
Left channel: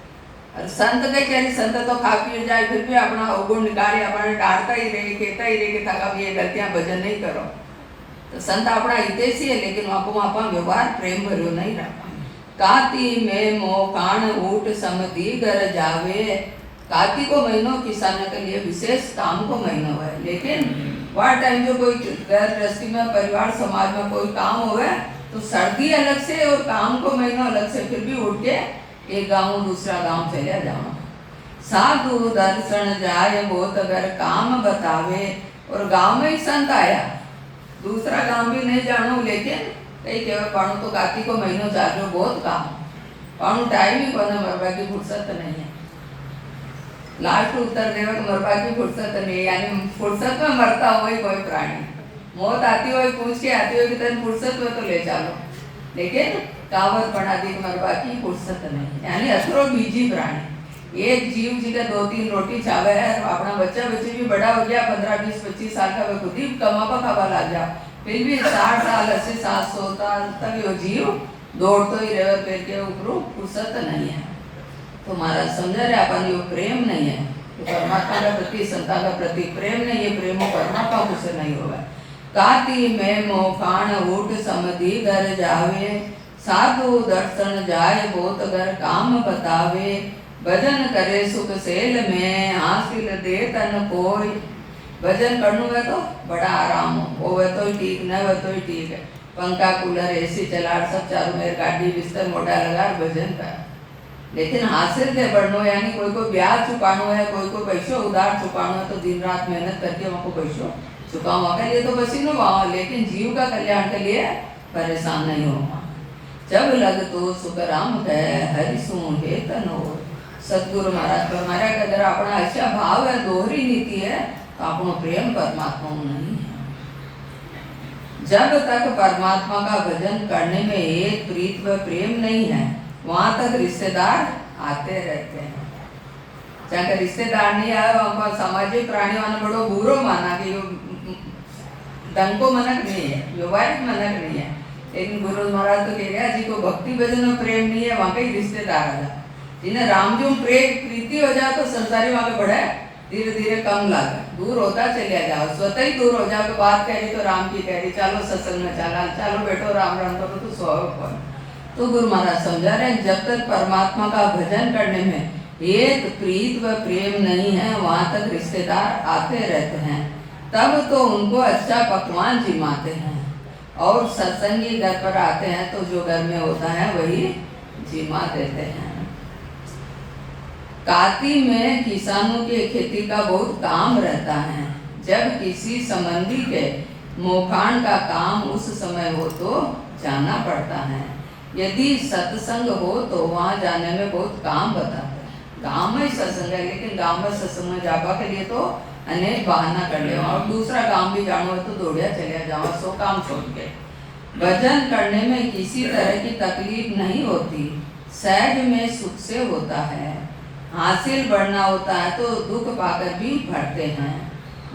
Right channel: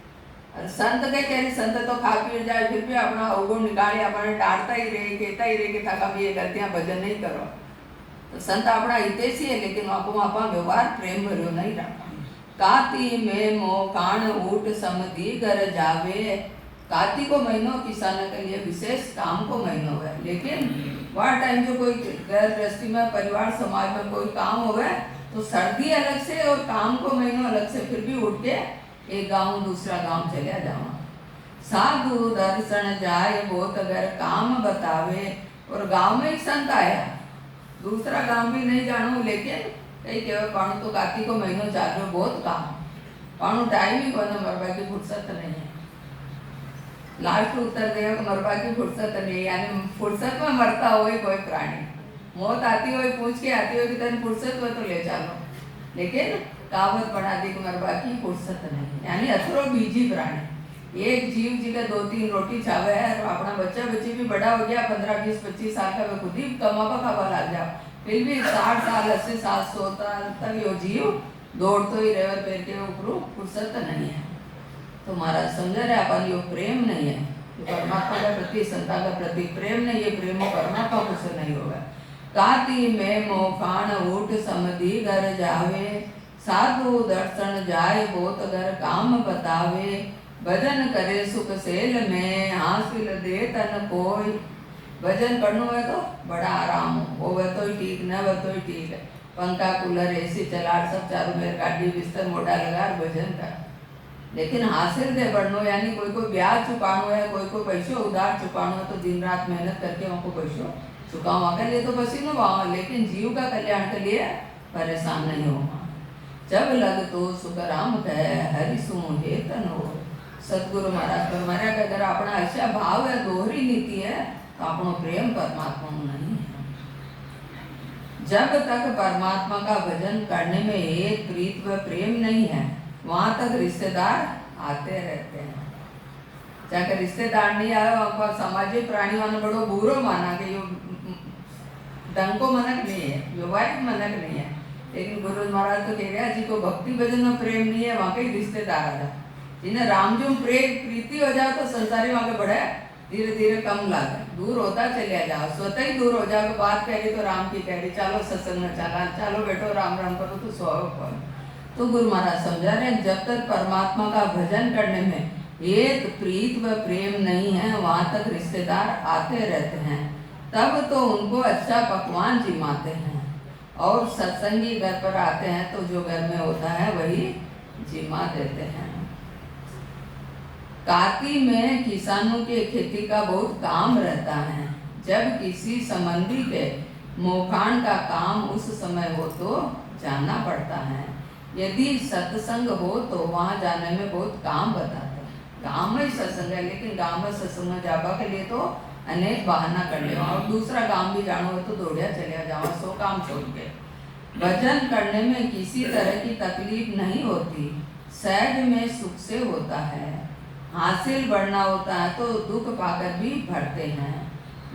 और संत के कह रही संत तो खा पी जाए फिर भी अपना अवगुण निकाले, अपने डांटता ही रहे कहता ही रहे कि था ये गलतियां भजन नहीं करो, तो संत अपना हितेशी है, लेकिन वहाँ को वहाँ व्यवहार प्रेम भरो नहीं रहा। काती में मोकाण ऊट समधी घर जावे, कार्तिक को महीनों किसान के लिए विशेष काम को महीनों है, लेकिन वह टाइम जो कोई घर गृहस्थी में परिवार समाज में कोई काम होवे तो सर्दी अलग से और काम को महीनों अलग से, फिर भी उठ के एक गांव दूसरा गांव चले जाओ। साधु दर्शन जाए बहुत अगर काम बतावे, और गांव में ही संत आया दूसरा गांव भी नहीं जानो, लेकिन कई कहे पाणु तो कार्तिक को महीनों चालो बहुत काम, पाणु टाइम ही कोने मरवा की फुर्सत नहीं है, लास्ट उत्तर देवे मरवा की फुर्सत नहीं, यानी फुर्सत में मरता हो कोई प्राणी, मौत आती हो पूछ के आती हो कि तेन फुर्सत में तो ले चलो, लेकिन कावत पड़ा दी मरवा की फुर्सत नहीं, यानी अथरो बीजी प्राणी। एक जीव जी का 2-3 रोटी चावे है और अपना बच्चा बच्चे भी बड़ा हो गया 15-20-25 साल का, वे खुद ही कमा खावा लग जाओ, फिर भी 60 साल 80 साल 100 साल तक यो जीव दौड़तो ही रहे, पैर के ऊपर फुर्सत नहीं है। तो महाराज समझा रहे अपन यो प्रेम नहीं है, तो परमात्मा का प्रति संता का प्रति प्रेम नहीं है, प्रेमो परमात्मा को से नहीं होगा। काती में मोखान ऊट समधि घर जावे, साधु दर्शन जाए बहुत घर काम बतावे, भजन करे सुख सेल में हासिल दे तन कोई। भजन करनु है तो बड़ा आराम हो, वो तो ठीक न वो तो ठीक है, पंखा कूलर एसी चला सब चारों मेरे गाड़ी बिस्तर मोटा लगा भजन कर। लेकिन हासिल दे बढ़नो, यानी कोई को ब्याज चुकानो है, कोई को पैसों उधार चुकानो है, तो दिन रात मेहनत करके वहाँ को पैसों चुकावा के लिए तो पसीनो बहाओ, लेकिन जीव का कल्याण के लिए परेशान नहीं हो। जब लग तो सुख राम कह हरि सु हे तनो। सतगुरु महाराज फरमाया कि अगर अपना अच्छा भाव है, दोहरी नीति है, तो अपनो प्रेम परमात्मा में नहीं है। जब तक परमात्मा का भजन करने में एक प्रीत व प्रेम नहीं है, वहां तक रिश्तेदार आते रहते हैं। चाहे रिश्तेदार नहीं आए, वहां सामाजिक प्राणियों ने बड़ो बुरो माना कि दंको मनक नहीं है, व्यवहारिक मनक नहीं है। लेकिन गुरु महाराज तो कह गया जी को भक्ति भजन में प्रेम नहीं है, वहां पे रिश्तेदार आ जाए। जिन्हें राम जो प्रेम प्रीति हो जाए तो संसारी वहां पे बढ़े, धीरे धीरे कम लागे, दूर होता चलिया जाओ, स्वतः ही दूर हो जाओ। बात कह रही तो राम की कह रही, चलो सत्संग में चला, चलो बैठो राम राम करो तो स्वभाव। तो गुरु महाराज समझा रहे जब तक परमात्मा का भजन करने में एक प्रीत व प्रेम नहीं है, वहां तक रिश्तेदार आते रहते हैं। तब तो उनको अच्छा पकवान जिमाते हैं, और सत्संगी घर पर आते हैं तो जो घर में होता है वही जिमा देते हैं। काती में किसानों के खेती का बहुत काम रहता है। जब किसी संबंधी के मोखान का काम उस समय हो तो जाना पड़ता है। यदि सत्संग हो तो वहाँ जाने में बहुत काम बताता है। गाँव में सत्संग है, लेकिन गाँव में सत्संग में जाबा के लिए तो अनेक बहाना कर ले, और दूसरा काम भी जानो है तो दौड़िया चले जाओ, 100 काम छोड़ के। भजन करने में किसी तरह की तकलीफ नहीं होती, सहज में सुख से होता है। हासिल बढ़ना होता है तो दुख पाकर भी भरते हैं।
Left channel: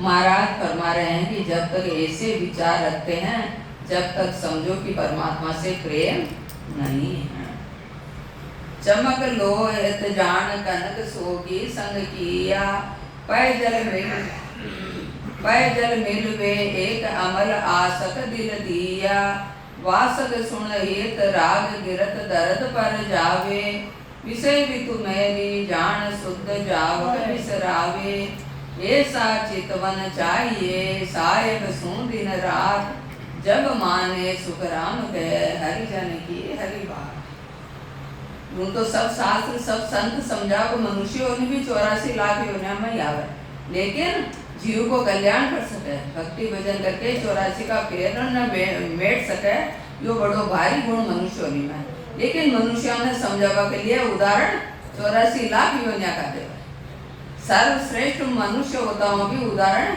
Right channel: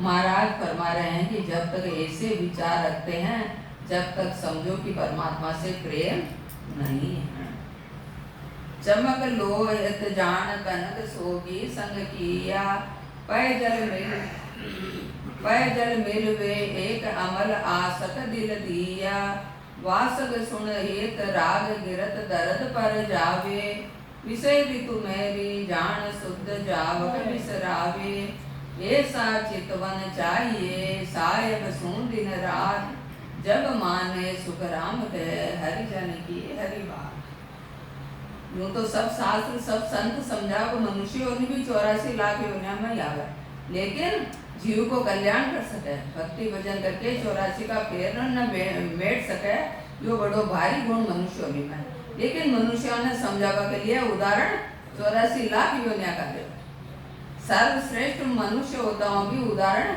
महाराज फरमा रहे हैं कि जब तक ऐसे विचार रखते हैं, जब तक समझो कि परमात्मा से प्रेम नहीं है। चमक लो एत जान कनक सोगी संग किया, पै जल मिल वे एक अमल आसक दिल दिया, वासक सुन हेत राग गिरत दर्द पर जावे, विषय ऋतु मेरी जान शुद्ध जावक बिसरावे, ऐसा चितवन चाहिए सायब सू दिन रात, जब माने सुख राम कहे हरि जन की हरि बात। यूं तो सब शास्त्र सब संत समझा को मनुष्य होने भी 84 लाख योनिया में ही आवे, लेकिन जीव को कल्याण कर सके, भक्ति भजन करके 84 का पेड़ न मेट सके, यो बड़ो भारी गुण मनुष्य होने में। लेकिन मनुष्यों ने समझावा के लिए उदाहरण 84 लाख योनिया का दे। सर्वश्रेष्ठ मनुष्य होता हुआ भी उदाहरण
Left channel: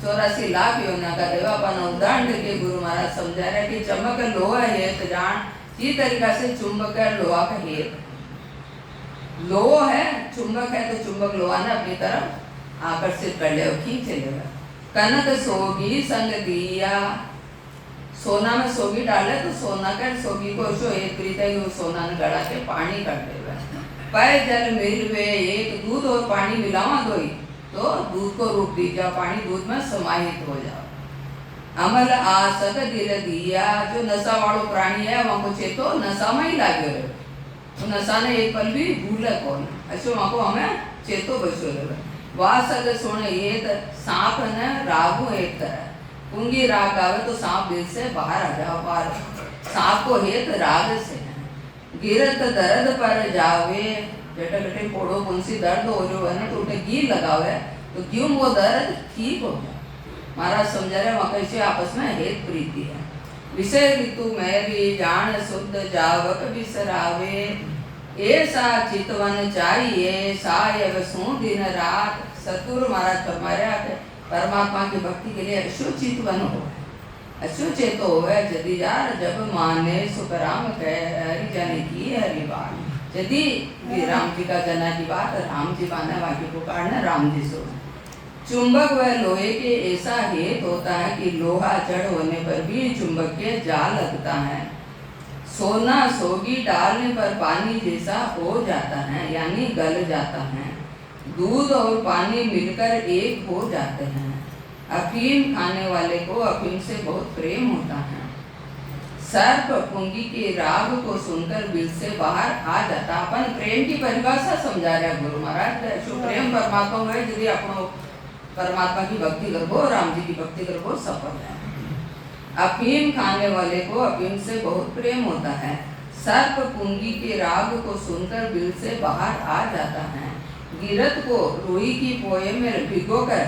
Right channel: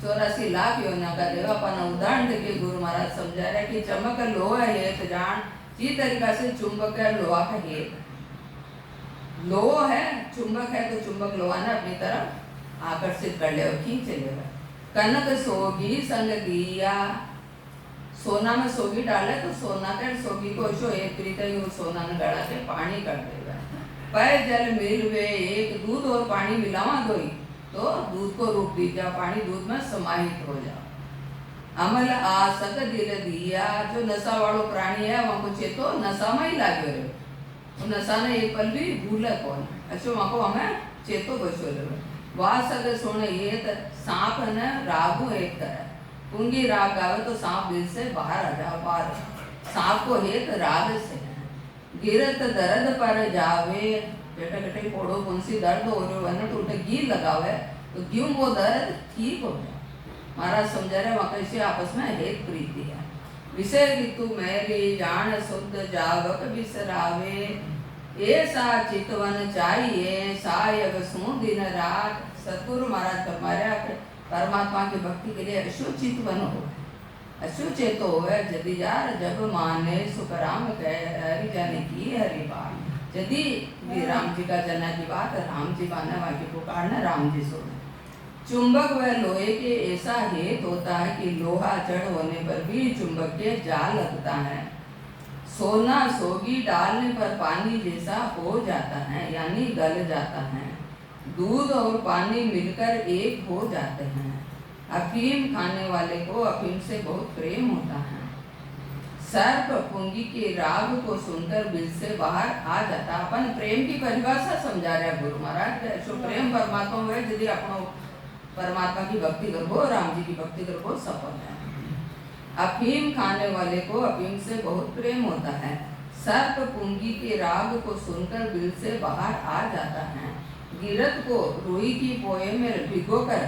84 लाख योनिया का देवा। अपन उदाहरण देके गुरु महाराज समझा रहे कि चमक लोहा है तो जान, इसी तरीका से चुंबक है लोहा का हेत। लोह है, चुंबक है तो चुंबक लोहा ने अपनी तरफ आकर्षित कर ले, खींच लेगा। कनक सोगी संग दिया, सोना में सोगी डाले तो सोना कर सोगी को जो एक रीते सोना ने गड़ा के पानी कर देगा। पै जल मिल वे एक दूध और पानी मिलावा दोई तो दूध को रूप दी जाओ, पानी दूध में समाहित हो जाओ। अमल आसक दिल दिया, जो नशा वालों प्राणी है वहां को चेतो नशा में ही लागे रहे, तो नशा ने एक पल भी भूले कौन, ऐसे वहां को हमें चेतो बचो रहे। वासक सुन ये सांप न रागू एक तरह, पुंगी राग आवे तो सांप दिल से बाहर आ जाओ, बाहर सांप को हेत राग से है। गिरत दर्द पर जावे, बेटा बेटे फोड़ो कौन-सी दर्द हो रही है ना, तो उन्हें घी लगावे तो क्यों वो दर्द ठीक हो जाए। महाराज समझा रहे वहां कैसे आपस में हेत प्रीति है। विषय ऋतु मेरी जान शुद्ध जावक बिसरावे, ऐसा चितवन चाहिए सायब सू दिन रात। सतगुरु महाराज फरमा रहे परमात्मा की भक्ति के लिए ऐसो चितवन हो, अशु चेतो है यदि यार जब माने सुखराम कह हरि जन की हरि बात यदि राम जी का जना की बात राम जी माने वाक्य पुकारना राम जी सुन। चुंबक व लोहे के ऐसा हेत होता है कि लोहा जड़ होने पर भी चुंबक के जाल लगता है। सोना सोगी डालने पर पानी जैसा हो जाता है यानी गल जाता है। दूध और पानी मिलकर एक हो जाते हैं। अफीम खाने वाले को अफीम से बहुत प्रेम होता है। सर्प पुंगी के राग को सुनकर बिल से बाहर आ जाता। अपन प्रेम की परिभाषा समझा रहे हैं गुरु महाराज। जो प्रेम परमात्मा में यदि अपनो परमात्मा की भक्ति करबो राम जी की भक्ति करबो सफल है। अफीम खाने वाले को अफीम से बहुत प्रेम होता है। सर्प पुंगी के राग को सुनकर बिल से बाहर आ जाता है। गिरत को रुई की पोए में भिगोकर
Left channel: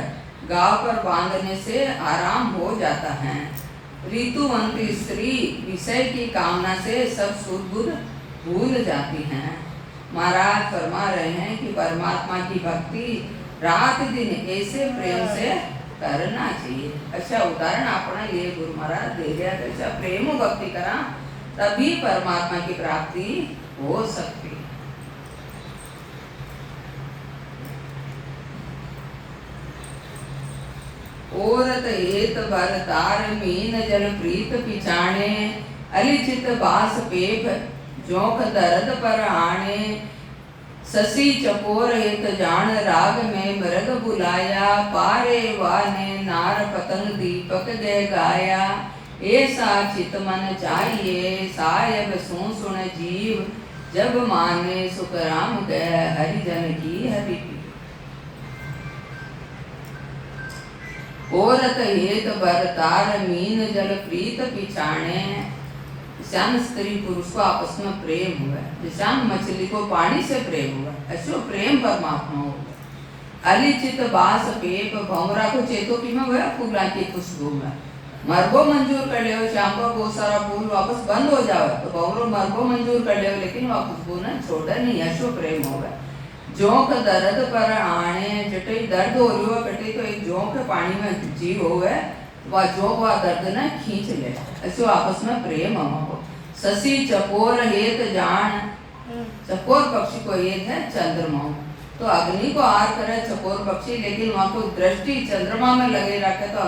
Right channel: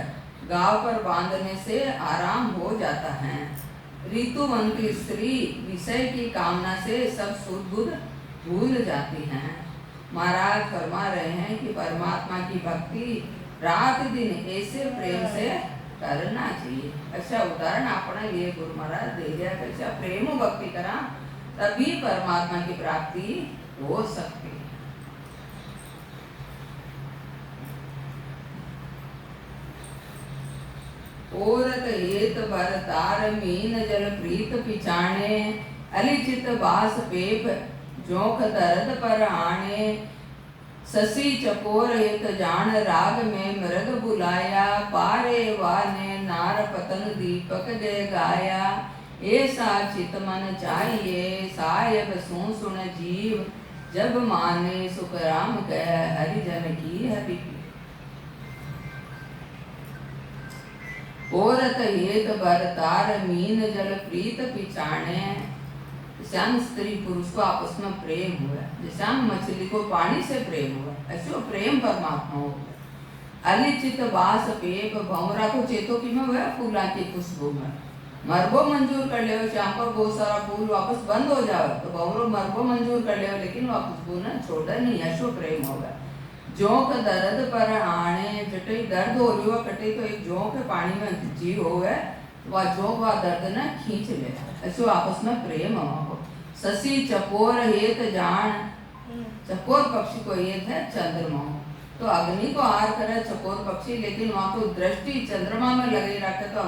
गांव पर बांधने से आराम हो जाता है। ऋतुवंती स्त्री विषय की कामना से सब सुध बुध भूल जाती हैं। महाराज फरमा रहे हैं कि परमात्मा की भक्ति रात दिन ऐसे प्रेम से करना चाहिए। अच्छा उदाहरण अपना ये गुरु महाराज दे दिया। अच्छा प्रेम भक्ति करा तभी परमात्मा की प्राप्ति हो सकती। औरत हेत भर तार मीन जल प्रीत पिछाणे अलिचित बास पेप जोख दर्द पर आणे। ससी चकोर हेत जान राग में मृग बुलाया पारे वाने नार पतंग दीपक दे गाया। ऐसा चित मन चाहिए सायब सुन जीव जब माने सुख राम कह हरि जन की हरि। औरत हेत भर तार मीन जल प्रीत पिछाणे। श्याम स्त्री पुरुष को आपस में प्रेम हुआ। श्याम मछली को पानी से प्रेम हुआ। ऐसो प्रेम परमात्मा हो। अलिचित बास पेप भौमरा को चेतो की में हुआ फूला की खुशबू में मरबो मंजूर कर ले। श्याम को बहुत सारा फूल वापस बंद हो जावे तो भौमरो मरबो मंजूर कर ले लेकिन वह खुशबू ने छोड़ा नहीं। ऐसो प्रेम होगा। जोंक दर्द पर आने जटे दर्द हो रही हो कटे तो एक जोंक पानी में जीव होवे वह जोंक वह दर्द ने खींच ले। ऐसे आपस में प्रेम हो। ससी चकोर हेत जान चकोर पक्षी को हेत है चंद्रमा। तो अग्नि को आर करे चकोर पक्षी लेकिन वहां को दृष्टि चंद्रमा में लगे रखे तो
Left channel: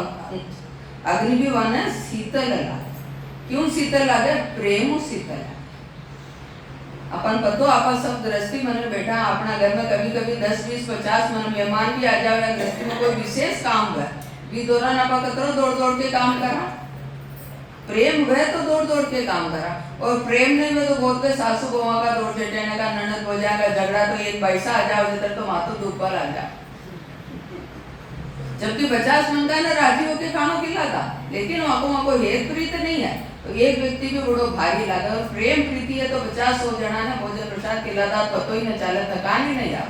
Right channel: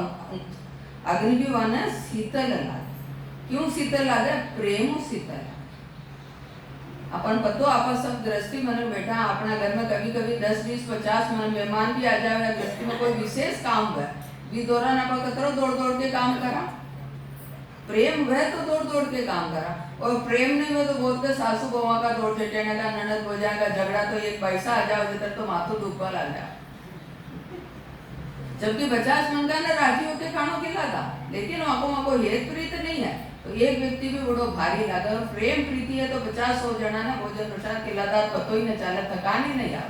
अग्नि भी वहां शीतल लगे। क्यों शीतल लगे? प्रेम शीतल है। अपन पतो अपन सब दृष्टि मन में बैठा अपना घर में कभी कभी 10 20 50 मन मेहमान भी आ जावे। दृष्टि में कोई विशेष काम है भी दौरा ना पकड़ो दौड़ दौड़ के काम करा। प्रेम है तो दौड़ दौड़ के काम करा। और प्रेम नहीं में तो बहुत के सासू बहुआ का दौड़ चटेने का ननद भोजा का झगड़ा तो एक पैसा आ जाओ जिधर तो माथो दुख पर आ जाए। जबकि 50 मन का ना राजी होके खानो खिलाता लेकिन वहां को हेत प्रीत नहीं है तो एक व्यक्ति भी बड़ो भारी लगा। और प्रेम प्रीति है तो 50-100 जना ने भोजन प्रसाद खिलाता पतो ही न चले थकान ही नहीं आ।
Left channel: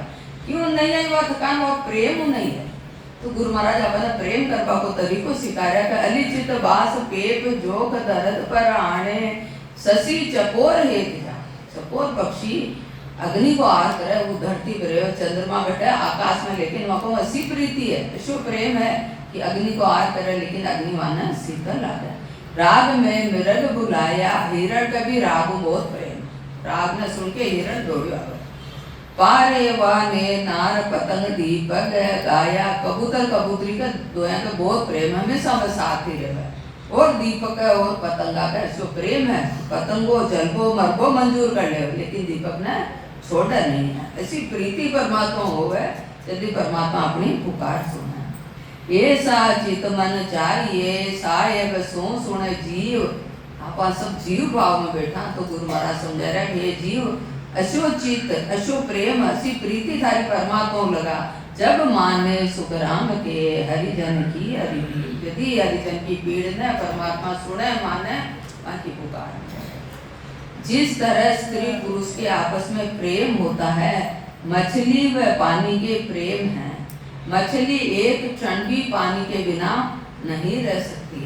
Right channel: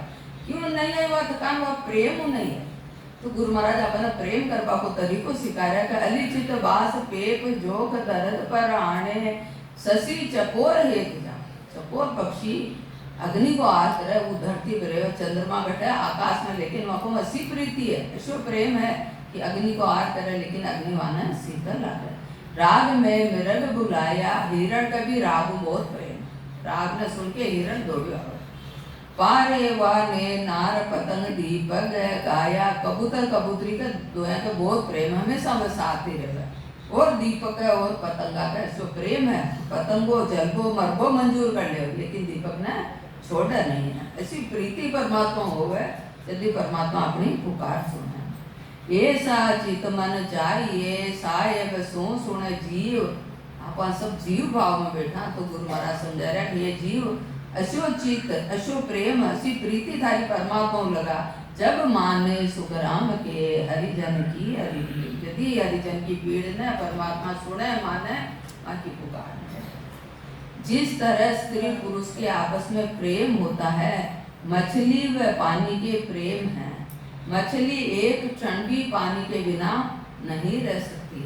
क्यों नहीं आई वह थकान? वह प्रेम नहीं है। तो गुरु महाराज अपना प्रेम करवा को तरीको सिखाया कि अलिचित बास पेप जोक दर्द पर आने। ससी चकोर हेत जा चकोर पक्षी अग्नि को आर करे वो धरती पर रहे चंद्रमा बैठे आकाश में लेकिन वहां को ऐसी प्रीति है ऐसो प्रेम है कि अग्नि को आर करे लेकिन अग्नि वहां शीतल आ जाए। राग में मृग बुलाया हिरण का भी राग बहुत प्रेम। राग ने सुन के हिरण दौड़ो आवे। पारे वाने नार पतंग दीपक गाया। कबूतर कबूतरी का दोया का बहुत प्रेम हमेशा में साथ ही रहे। और दीपक है और पतंगा का ऐसो प्रेम है। पतंगो जलबो मरबो मंजूर कर ले लेकिन दीपक ने छोड़ा नहीं है। ऐसी प्रीति परमात्मा हो गए यदि परमात्मा अपनी पुकार सुने। ऐसा चित मन चाहिए साहेब सुन जीव। आप सब जीव भाव में बैठा तो गुरु महाराज समझा रहा है ये जीव अशो चित्त अशो प्रेम असी प्रीति थारी परमात्मा लगा जब माने सुख राम के हरिजन की हरि। यदि हरिजन की पीड़ ने परमात्मा सुने माने मां की पुकार। जिस तरह स्त्री पुरुष के आपस में प्रेम होता है मछली व पानी के प्रेम है। मछली एक क्षण भी पानी के बिना नहीं रह सकती।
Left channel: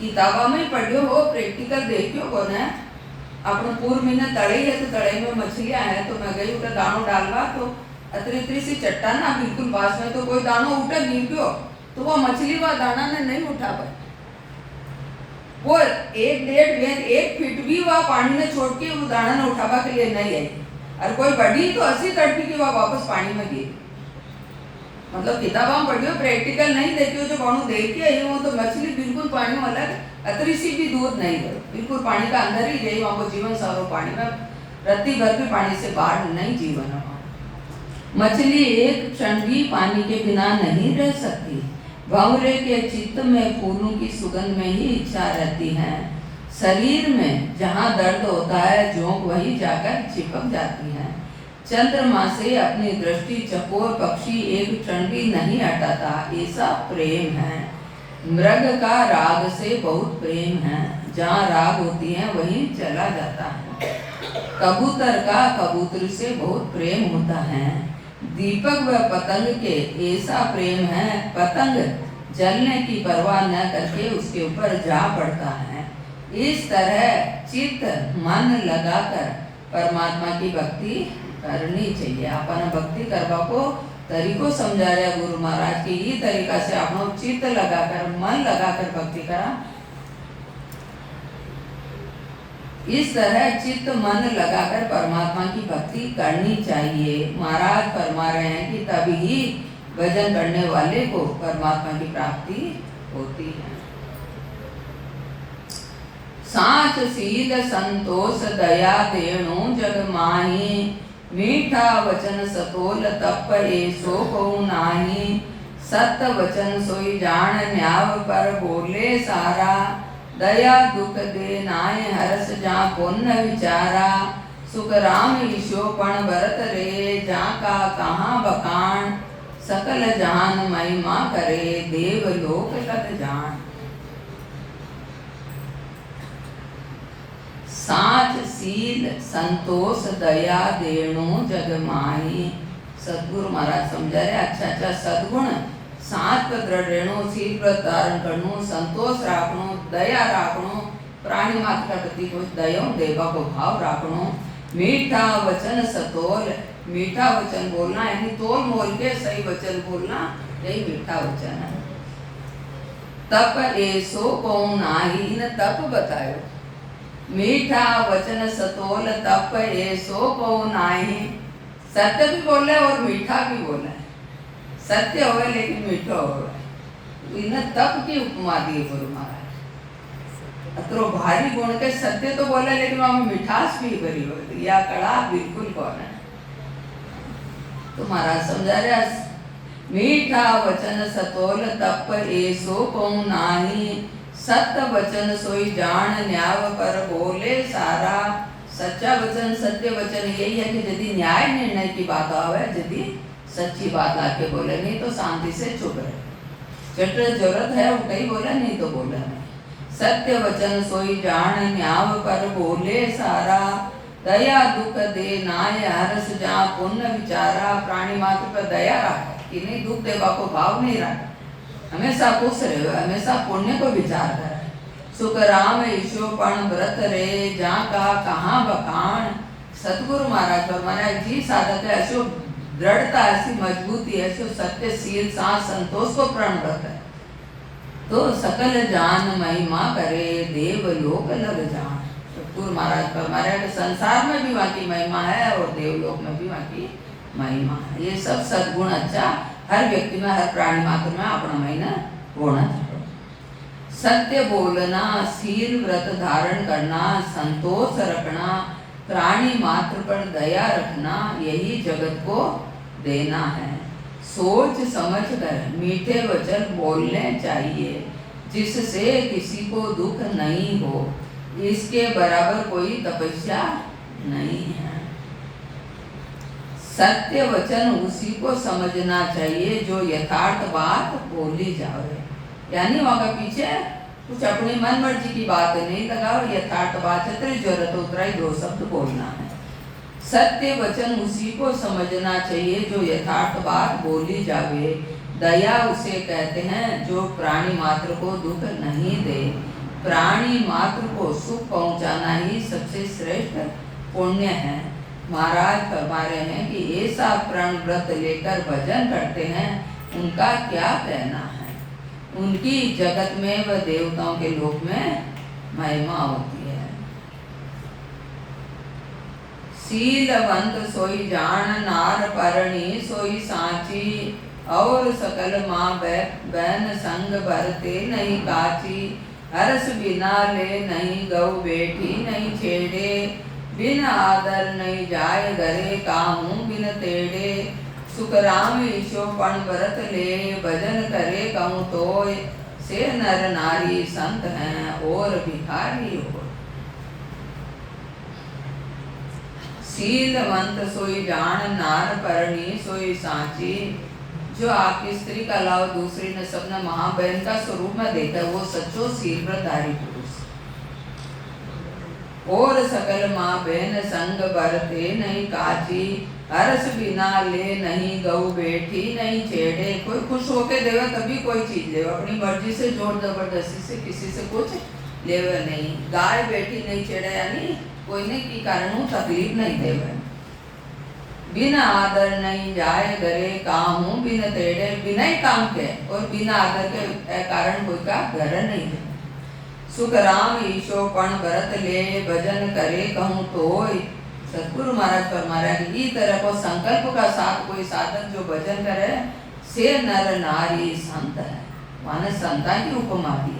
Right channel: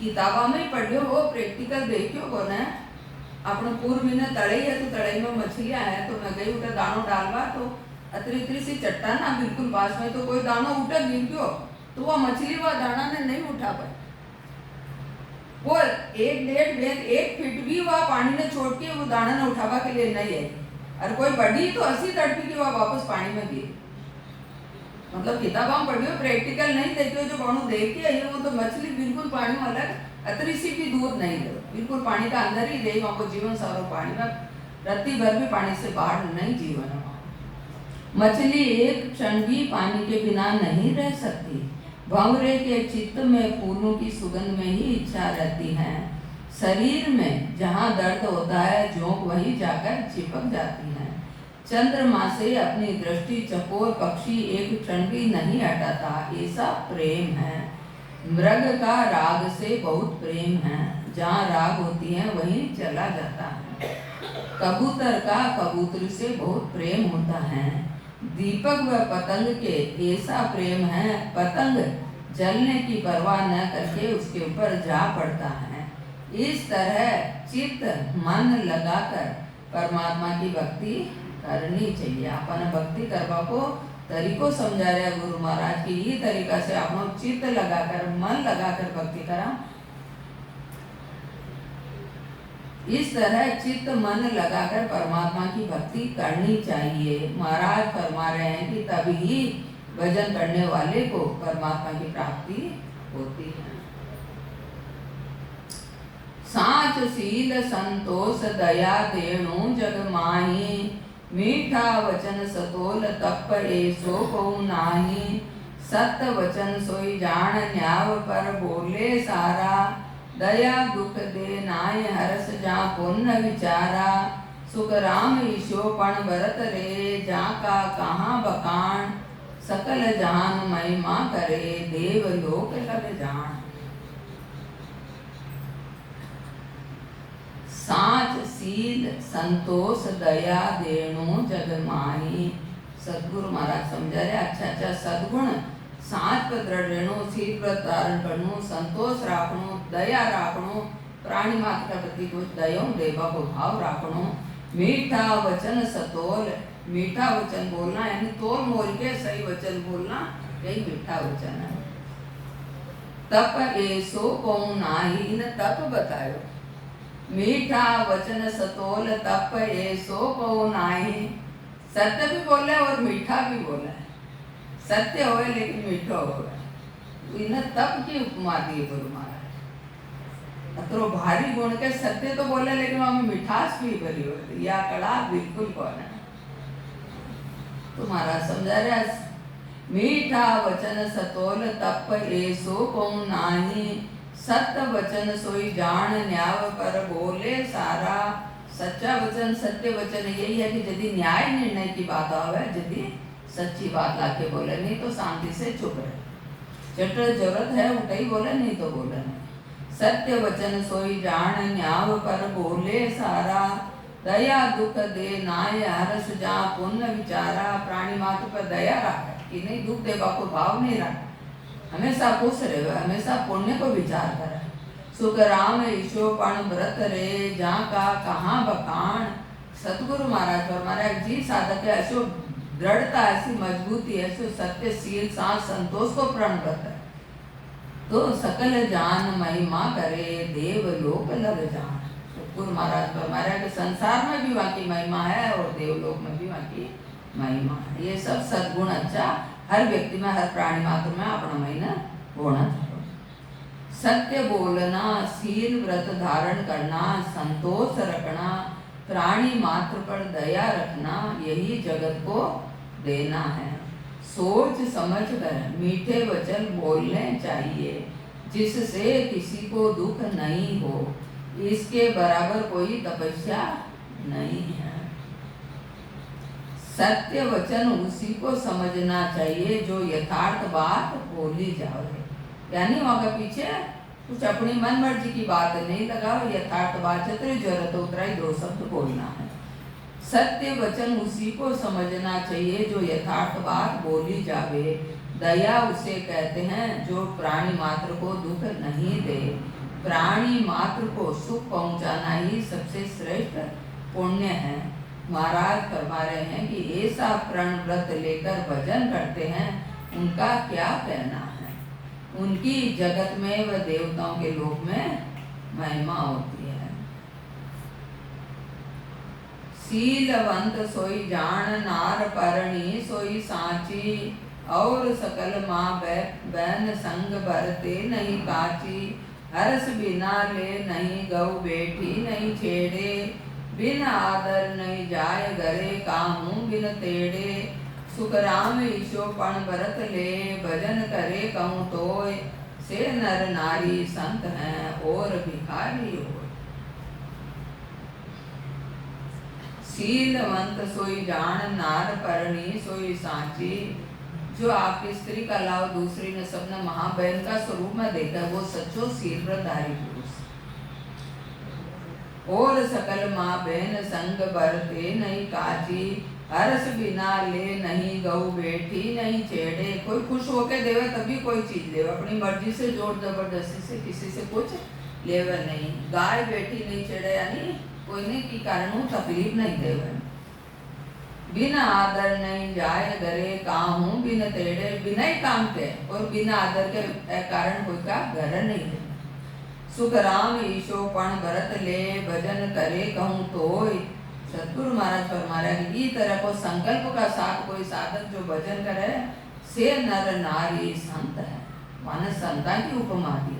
किताबा में पढ़ियो हो प्रैक्टिकल देखियो को ने अपने पूर्व महीने तड़े है तो तड़े में मछलियां है तो मैं गई उठा दानो डालवा तो अतरी सी चट्टान ना बिल्कुल पास में तो कोई दानो उठा गिर गयो तो वह मछली वह दाना ने नहीं उठा पाई। वो 1-1.5 फीट भी वह पानी ने छोड़ के वो दाना ने उठावा के लिए नहीं आई, और कोई बड़ी तो 80 तड़पी की वह वापस पानी में गई। मतलब किताब हम पढ़ियो, प्रैक्टिकल नहीं देखियो, जो कौन देख के आई वो तो मछली बिल्कुल पानी में अलग, अतरी सी भी दूर नहीं गई, बिल्कुल पानी का अंदर ही रही, वहां को जीवन सारो पानी में, रत्ती भर भी पानी से बाहर नहीं जीवन है। मछली एक क्षण भी पानी के बिना नहीं रह सकती। भंवरे के चित्त में फूलों की सुगंध में ही इच्छा रहती है। शरीर में जहाँ दर्द होता है झोंक वहीं जाकर चिपक जाती है। चंद्रमा से अपनी दृष्टि चकोर पक्षी एक क्षण भी नहीं हटाता, ऐसा प्रेम है। मृग का राग से बहुत प्रेम है, जहाँ राग होती है वहीं चला जाता है। कबूतर का कबूतर से बहुत प्रेम होता है। दीपक व पतंग के ऐसा प्रेम है, पतंग जलने की परवाह न करके उसके ऊपर जा पड़ता है। इस तरह चित्त मन लगाकर परमात्मा की भक्ति करनी चाहिए। अपन भक्ति करवा को तरीको समझा रहे गुरु महाराज की, ये तरीका से आप चित्त लगाकर मन लगाकर भक्ति करा। इस तरह चित्त मन लगाकर परमात्मा की भक्ति करनी चाहिए। महाराज फरमा रहे हैं कि तभी ही भजन करने वाले को परमात्मा की प्राप्ति होती है। साच शील संतोष दया देणु जग माही, मीठा वचन सतोल तप ऐसो को नाही। सत वचन सोई जान न्याव पर बोले सारा, दया दुख दे नाय हरस जा पुण्य विचारा। सुख राम ईशो पण भरत रे, जा का कहाँ बखान। सकल जहान महिमा करे, देव लोक लग जान। साच शील संतोष दया देणु जग माही। सदगुरु महाराज समझा रहे अच्छा सदगुण साच पर दृढ़ रहणो, शील पर धारण करनो, संतोष राखनो, दया राखनो, प्राणी मात्र का प्रति कुछ दया देवा को भाव राखनो। मीठा वचन सतोल, मीठा वचन बोलना यानी तोल मोल के सही वचन बोलना, यही मीठा वचन है। तप ऐसो को नाही, न तप बतायो। मीठा वचन सतोल तप ऐसो को नाही। सत्य भी बोले और मीठा भी बोले, सत्य होवे लेकिन मीठो होवे। इन्हें तप की उपमा दी गुरु महाराज। अतरो भारी गुण के सत्य तो बोले लेकिन वहां मिठास भी भरी हो, या कड़ा बिल्कुल कौन है। तो महाराज समझा रहे मीठा वचन सतोल तप ऐसो को नाही। सत्य वचन सोई जान न्याय पर बोले सारा। सच्चा वचन सत्य वचन यही है कि यदि न्याय निर्णय की बात आवे, यदि सच्ची बात आके बोले, नहीं तो शांति से चुप रहे। जट जरूरत है उठे बोले, नहीं तो बोले नहीं। सत्य वचन सोई जान न्याय पर बोले सारा। दया दुख दे नाय हरस जा पुण्य विचारा। प्राणी मात्र पर दया रखे कि नहीं दुख देवा को भाव नहीं रखे, हमेशा खुश रहे, हमेशा पुण्य को विचार करे। सुख राम ईशो पण व्रत रे, जा का कहाँ बखान। सतगुरु महाराज और महाराज जी साधक है, ऐसो दृढ़ता, ऐसी मजबूती, ऐसो सत्यशील सांस संतोष को प्रण व्रत है। तो सकल जान महिमा करे, देव लोक लग जान। सतगुरु महाराज पर महाराज संसार में भी वहाँ की महिमा है और देवलोक में भी वहाँ की महिमा है। ये सब सद्गुण अच्छा हर व्यक्ति में, हर प्राणी मात्र में अपना महीना होना चाहिए। सत्य बोलना, शील व्रत धारण करना, संतोष रखना, प्राणी मात्र पर दया रखना, यही जगत को देना है। सोच समझ कर मीठे वचन बोलने चाहिए, जिससे किसी को दुख नहीं हो। इसके बराबर कोई तपस्या नहीं है। सत्य वचन उसी को समझना चाहिए जो यथार्थ बात बोली जाए। यानी वहां पीछे कुछ अपनी मन मर्जी की बात नहीं लगाओ, यथार्थ बात जितनी जरूरत उतना ही 2 शब्द बोलना है। सत्य वचन उसी को समझना चाहिए जो यथार्थ बात बोली जावे। दया उसे कहते हैं जो प्राणी मात्र को दुख नहीं दे। प्राणी मात्र को सुख पहुंचाना ही सबसे श्रेष्ठ पुण्य है। महाराज फरमा रहे हैं कि ऐसा प्रण व्रत लेकर भजन करते हैं, उनका क्या कहना है। उनकी जगत में व देवताओं के लोक में महिमा होती है। शीलवंत सोई जान नार परणी सोई सांची, और सकल माँ बहन संग भरते नहीं काची। हरस बिना ले नहीं गौ बेटी नहीं छेड़े, बिन आदर नहीं जाय घरे काहूँ बिन तेड़े। सुख राम ईशो पण भरत ले, भजन करे कहूँ तोय। से नर नारी संत हैं और भिखारी हो। शीलवंत सोई जान नार परणी सोई सांची। जो आपकी स्त्री का अलावा दूसरी ने सबने महाबहन का स्वरूप में देखा, वो सच्चो शील व्रतधारी पुरुष। और सकल माँ बहन संग भरते नहीं काची, हरस बिना ले नहीं गऊ बेटी नहीं छेड़े। कोई खुश होके देवे तभी कोई चीज लेवे, अपनी मर्जी से जोर जबरदस्ती से किसी से कुछ लेवे नहीं। गाय बेटी नहीं छेड़े यानी कोई ने की कारण तकलीफ नहीं देवे। बिना आदर नहीं जाए घरे काहूँ बिन तेड़े, बिना ही काम के और बिना आदर के कारण कोई का घर नहीं है। सुख राम ईशो पण भरत ले, भजन करे कहूँ तोय। सतगुरु महाराज फरमा रहे हैं कि इस तरह को संकल्प का साथ कोई साधक जो भजन करे, से नर नारी संत है। माने संता की उपमा दी।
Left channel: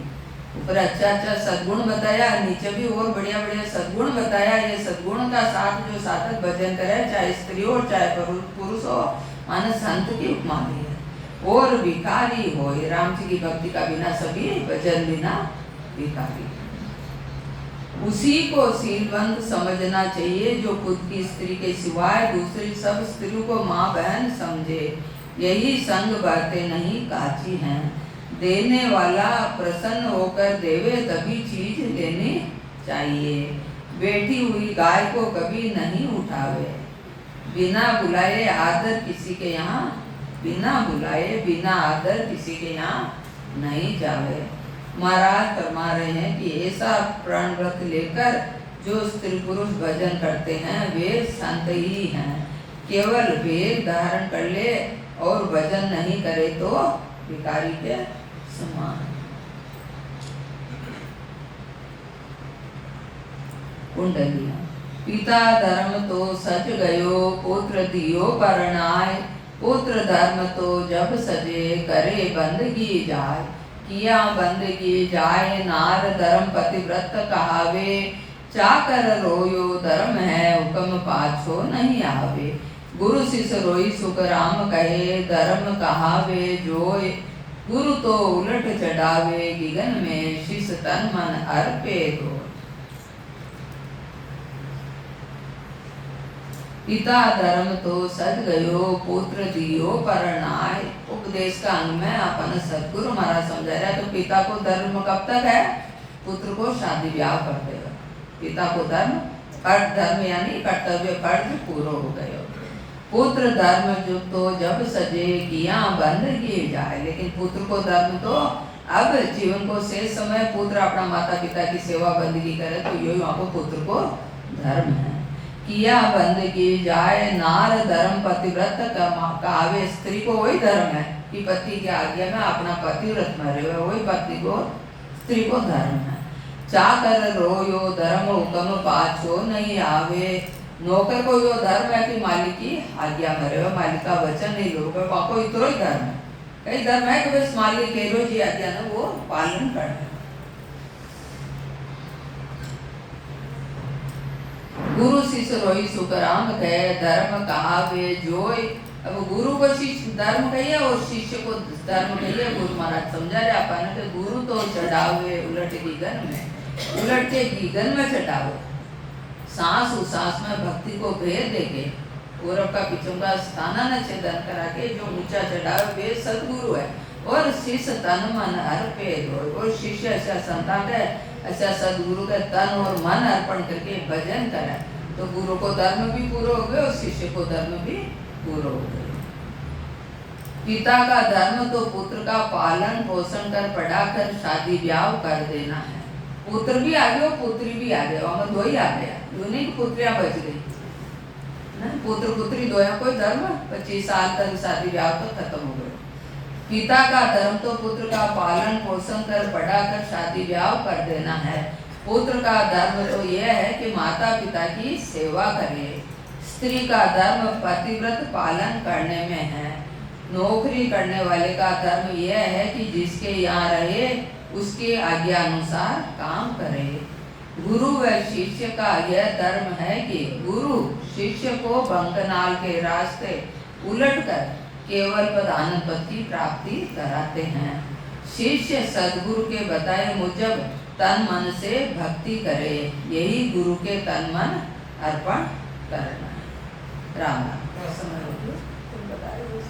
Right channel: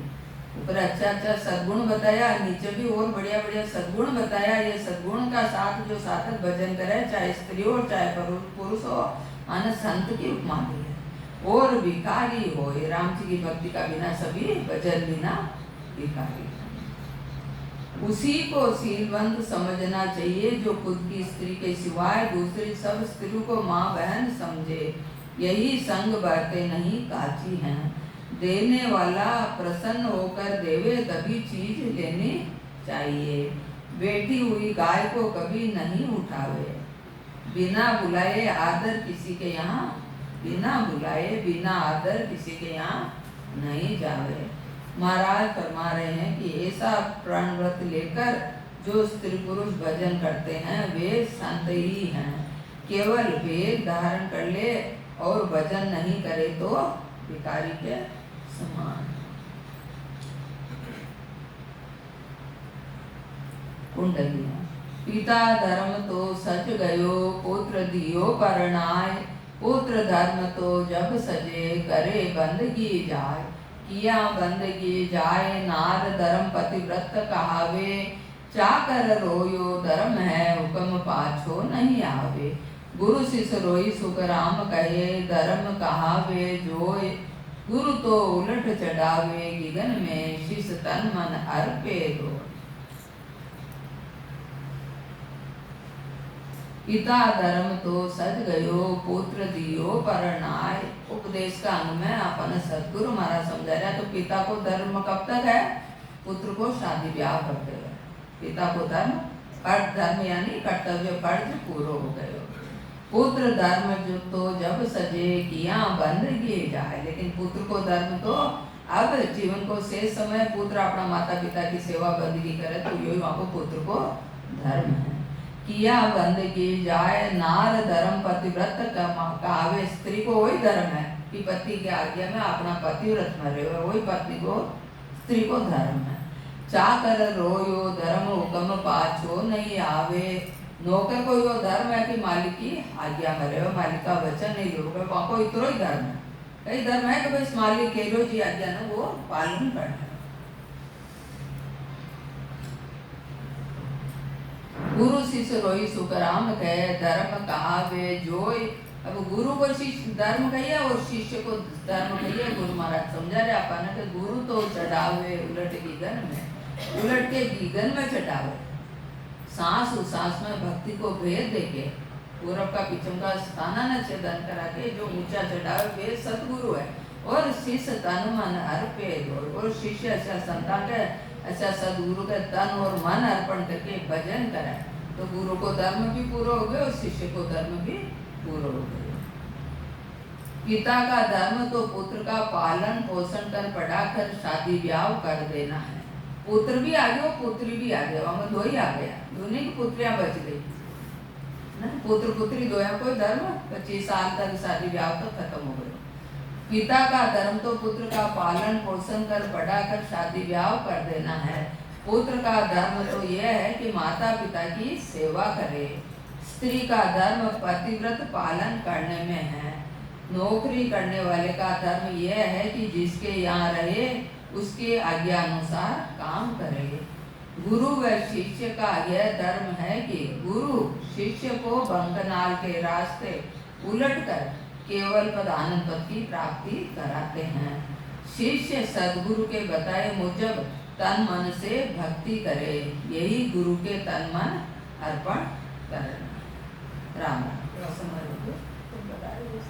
ऊपर अच्छा अच्छा सद्गुण बताया, नीचे भी और बढ़िया बढ़िया सद्गुण बताया। ये सद्गुण का साथ जो साधक भजन करे, चाहे स्त्री हो चाहे पुरुष हो, माने संत की उपमा दी है। और भिखारी हो, ये राम जी की भक्ति का बिना सभी भजन बिना भिखारी। उसी को शीलवंत समझना चाहिए जो खुद की स्त्री के सिवाय दूसरी सब स्त्रियों को माँ बहन समझे। यही संग बातें नहीं काची हैं। देने वाला प्रसन्न होकर देवे तभी चीज लेनी चाहिए। बैठी हुई गाय को कभी नहीं उठावे, बिना बुलाए आदर किसी के यहाँ, बिना बुलाए बिना आदर किसी के यहाँ नहीं जावे। महाराज फरमा रहे हैं कि ऐसा प्रण व्रत लेकर जो स्त्री पुरुष भजन करते हैं वे संत ही हैं। केवल वेद धारण कर ले और भजन नहीं करे तो भिखारी के समान। कुंडलियां। पिता धर्म तो सच गयो, पुत्र दियो परणाय। पुत्र धर्म तो जब सजे, करे बंदगी जाय। किया बंदगी जाय, नार धर्म पतिव्रत कहावे। चाकर रोयो धर्म है, हुक्म पाछो नहीं आवे। गुरु शिष्य रोई सुख राम कहे, धर्म कहावे जोय। गुरु तो उलट चढ़ावे, गिगन में शिष्य तन मन अर्पे दो। पिता धर्म तो सज गयो, पुत्र दियो परणाय। उपदेश का अंग में अपन सतगुरु महाराज समझा रहा है। तो पिता को धर्म कब तक है? पुत्र को शादी ब्याह कर देगा। पिता को धर्म, फर्ज धर्म यानी कर्तव्य फर्ज पूरा हो गए। पुत्र धर्म जो तो जब सजे, किया बंदगी जाए। लेकिन पुत्र को धर्म तो अब जीवन को शेष समय पुत्र अपना माता पिता की सेवा बंदगी करे, तो यही वहाँ को पुत्र को धर्म है। किया बंदगी जाए, नार धर्म पतिव्रत कहावे। स्त्री को वही धर्म है कि पति की आज्ञा में अपना पतिव्रत में रहे, वही पति को स्त्री को धर्म है। चाकर रोयो धर्म, हुक्म पाछो नहीं आवे। नौकर को यो धर्म है कि मालिक की आज्ञा में रहे, मालिक का वचन नहीं लोगे, वहाँ को इतना ही धर्म है। कई धर्म है कि बस मालिक के लो जी आज्ञा ने वो पालन करना। गुरु शिष्य रोई सुख राम कहे, धर्म कहावे जोय। अब गुरु को शिष्य धर्म कहिए और शिष्य को धर्म कहिए। गुरु महाराज समझा रहे अपन कि गुरु तो चढ़ावे उलट गीगन में, उलट के गीगन में चढ़ावे। सांस उसास में भक्ति को भेद देके पूर्व का पिछम का स्थाना न छेदन करा के जो ऊंचा चढ़ावे वे सदगुरु है। और शिष्य तन मन अर्पे दो। और शिष्य ऐसा संतान है, ऐसा सदगुरु का तन और मन अर्पण करके भजन करे तो गुरु को धर्म भी पूरा हो गए और शिष्य को धर्म भी पूरा हो गए। पिता का धर्म तो पुत्र का पालन पोषण कर पढ़ाकर शादी ब्याह कर देना है। पुत्र भी आ गया, पुत्री भी आ गया, वहां दो ही आ गया, दोनों की पुत्रियां बच गई ना। पुत्र पुत्री दो है, कोई धर्म 25 साल तक शादी ब्याह तक खत्म हो गए। पिता का धर्म तो पुत्र का पालन पोषण कर पढ़ाकर शादी ब्याह कर देना है। पुत्र का धर्म तो यह है कि माता पिता की सेवा करे। स्त्री का धर्म पतिव्रत पालन करने में है। नौकरी करने वाले का धर्म यह है कि जिसके यहाँ रहे उसकी आज्ञा अनुसार काम करे। गुरु व शिष्य का यह धर्म है कि गुरु शिष्य को बंकनाल के रास्ते उलटकर केवल प्रधानत्व की प्राप्ति कराते हैं। शिष्य सद्गुरु के बताए मुजब तन मन से भक्ति करे, यही गुरु के तन मन अर्पण करना। राम राम। समय हो गया, तुम बताइए।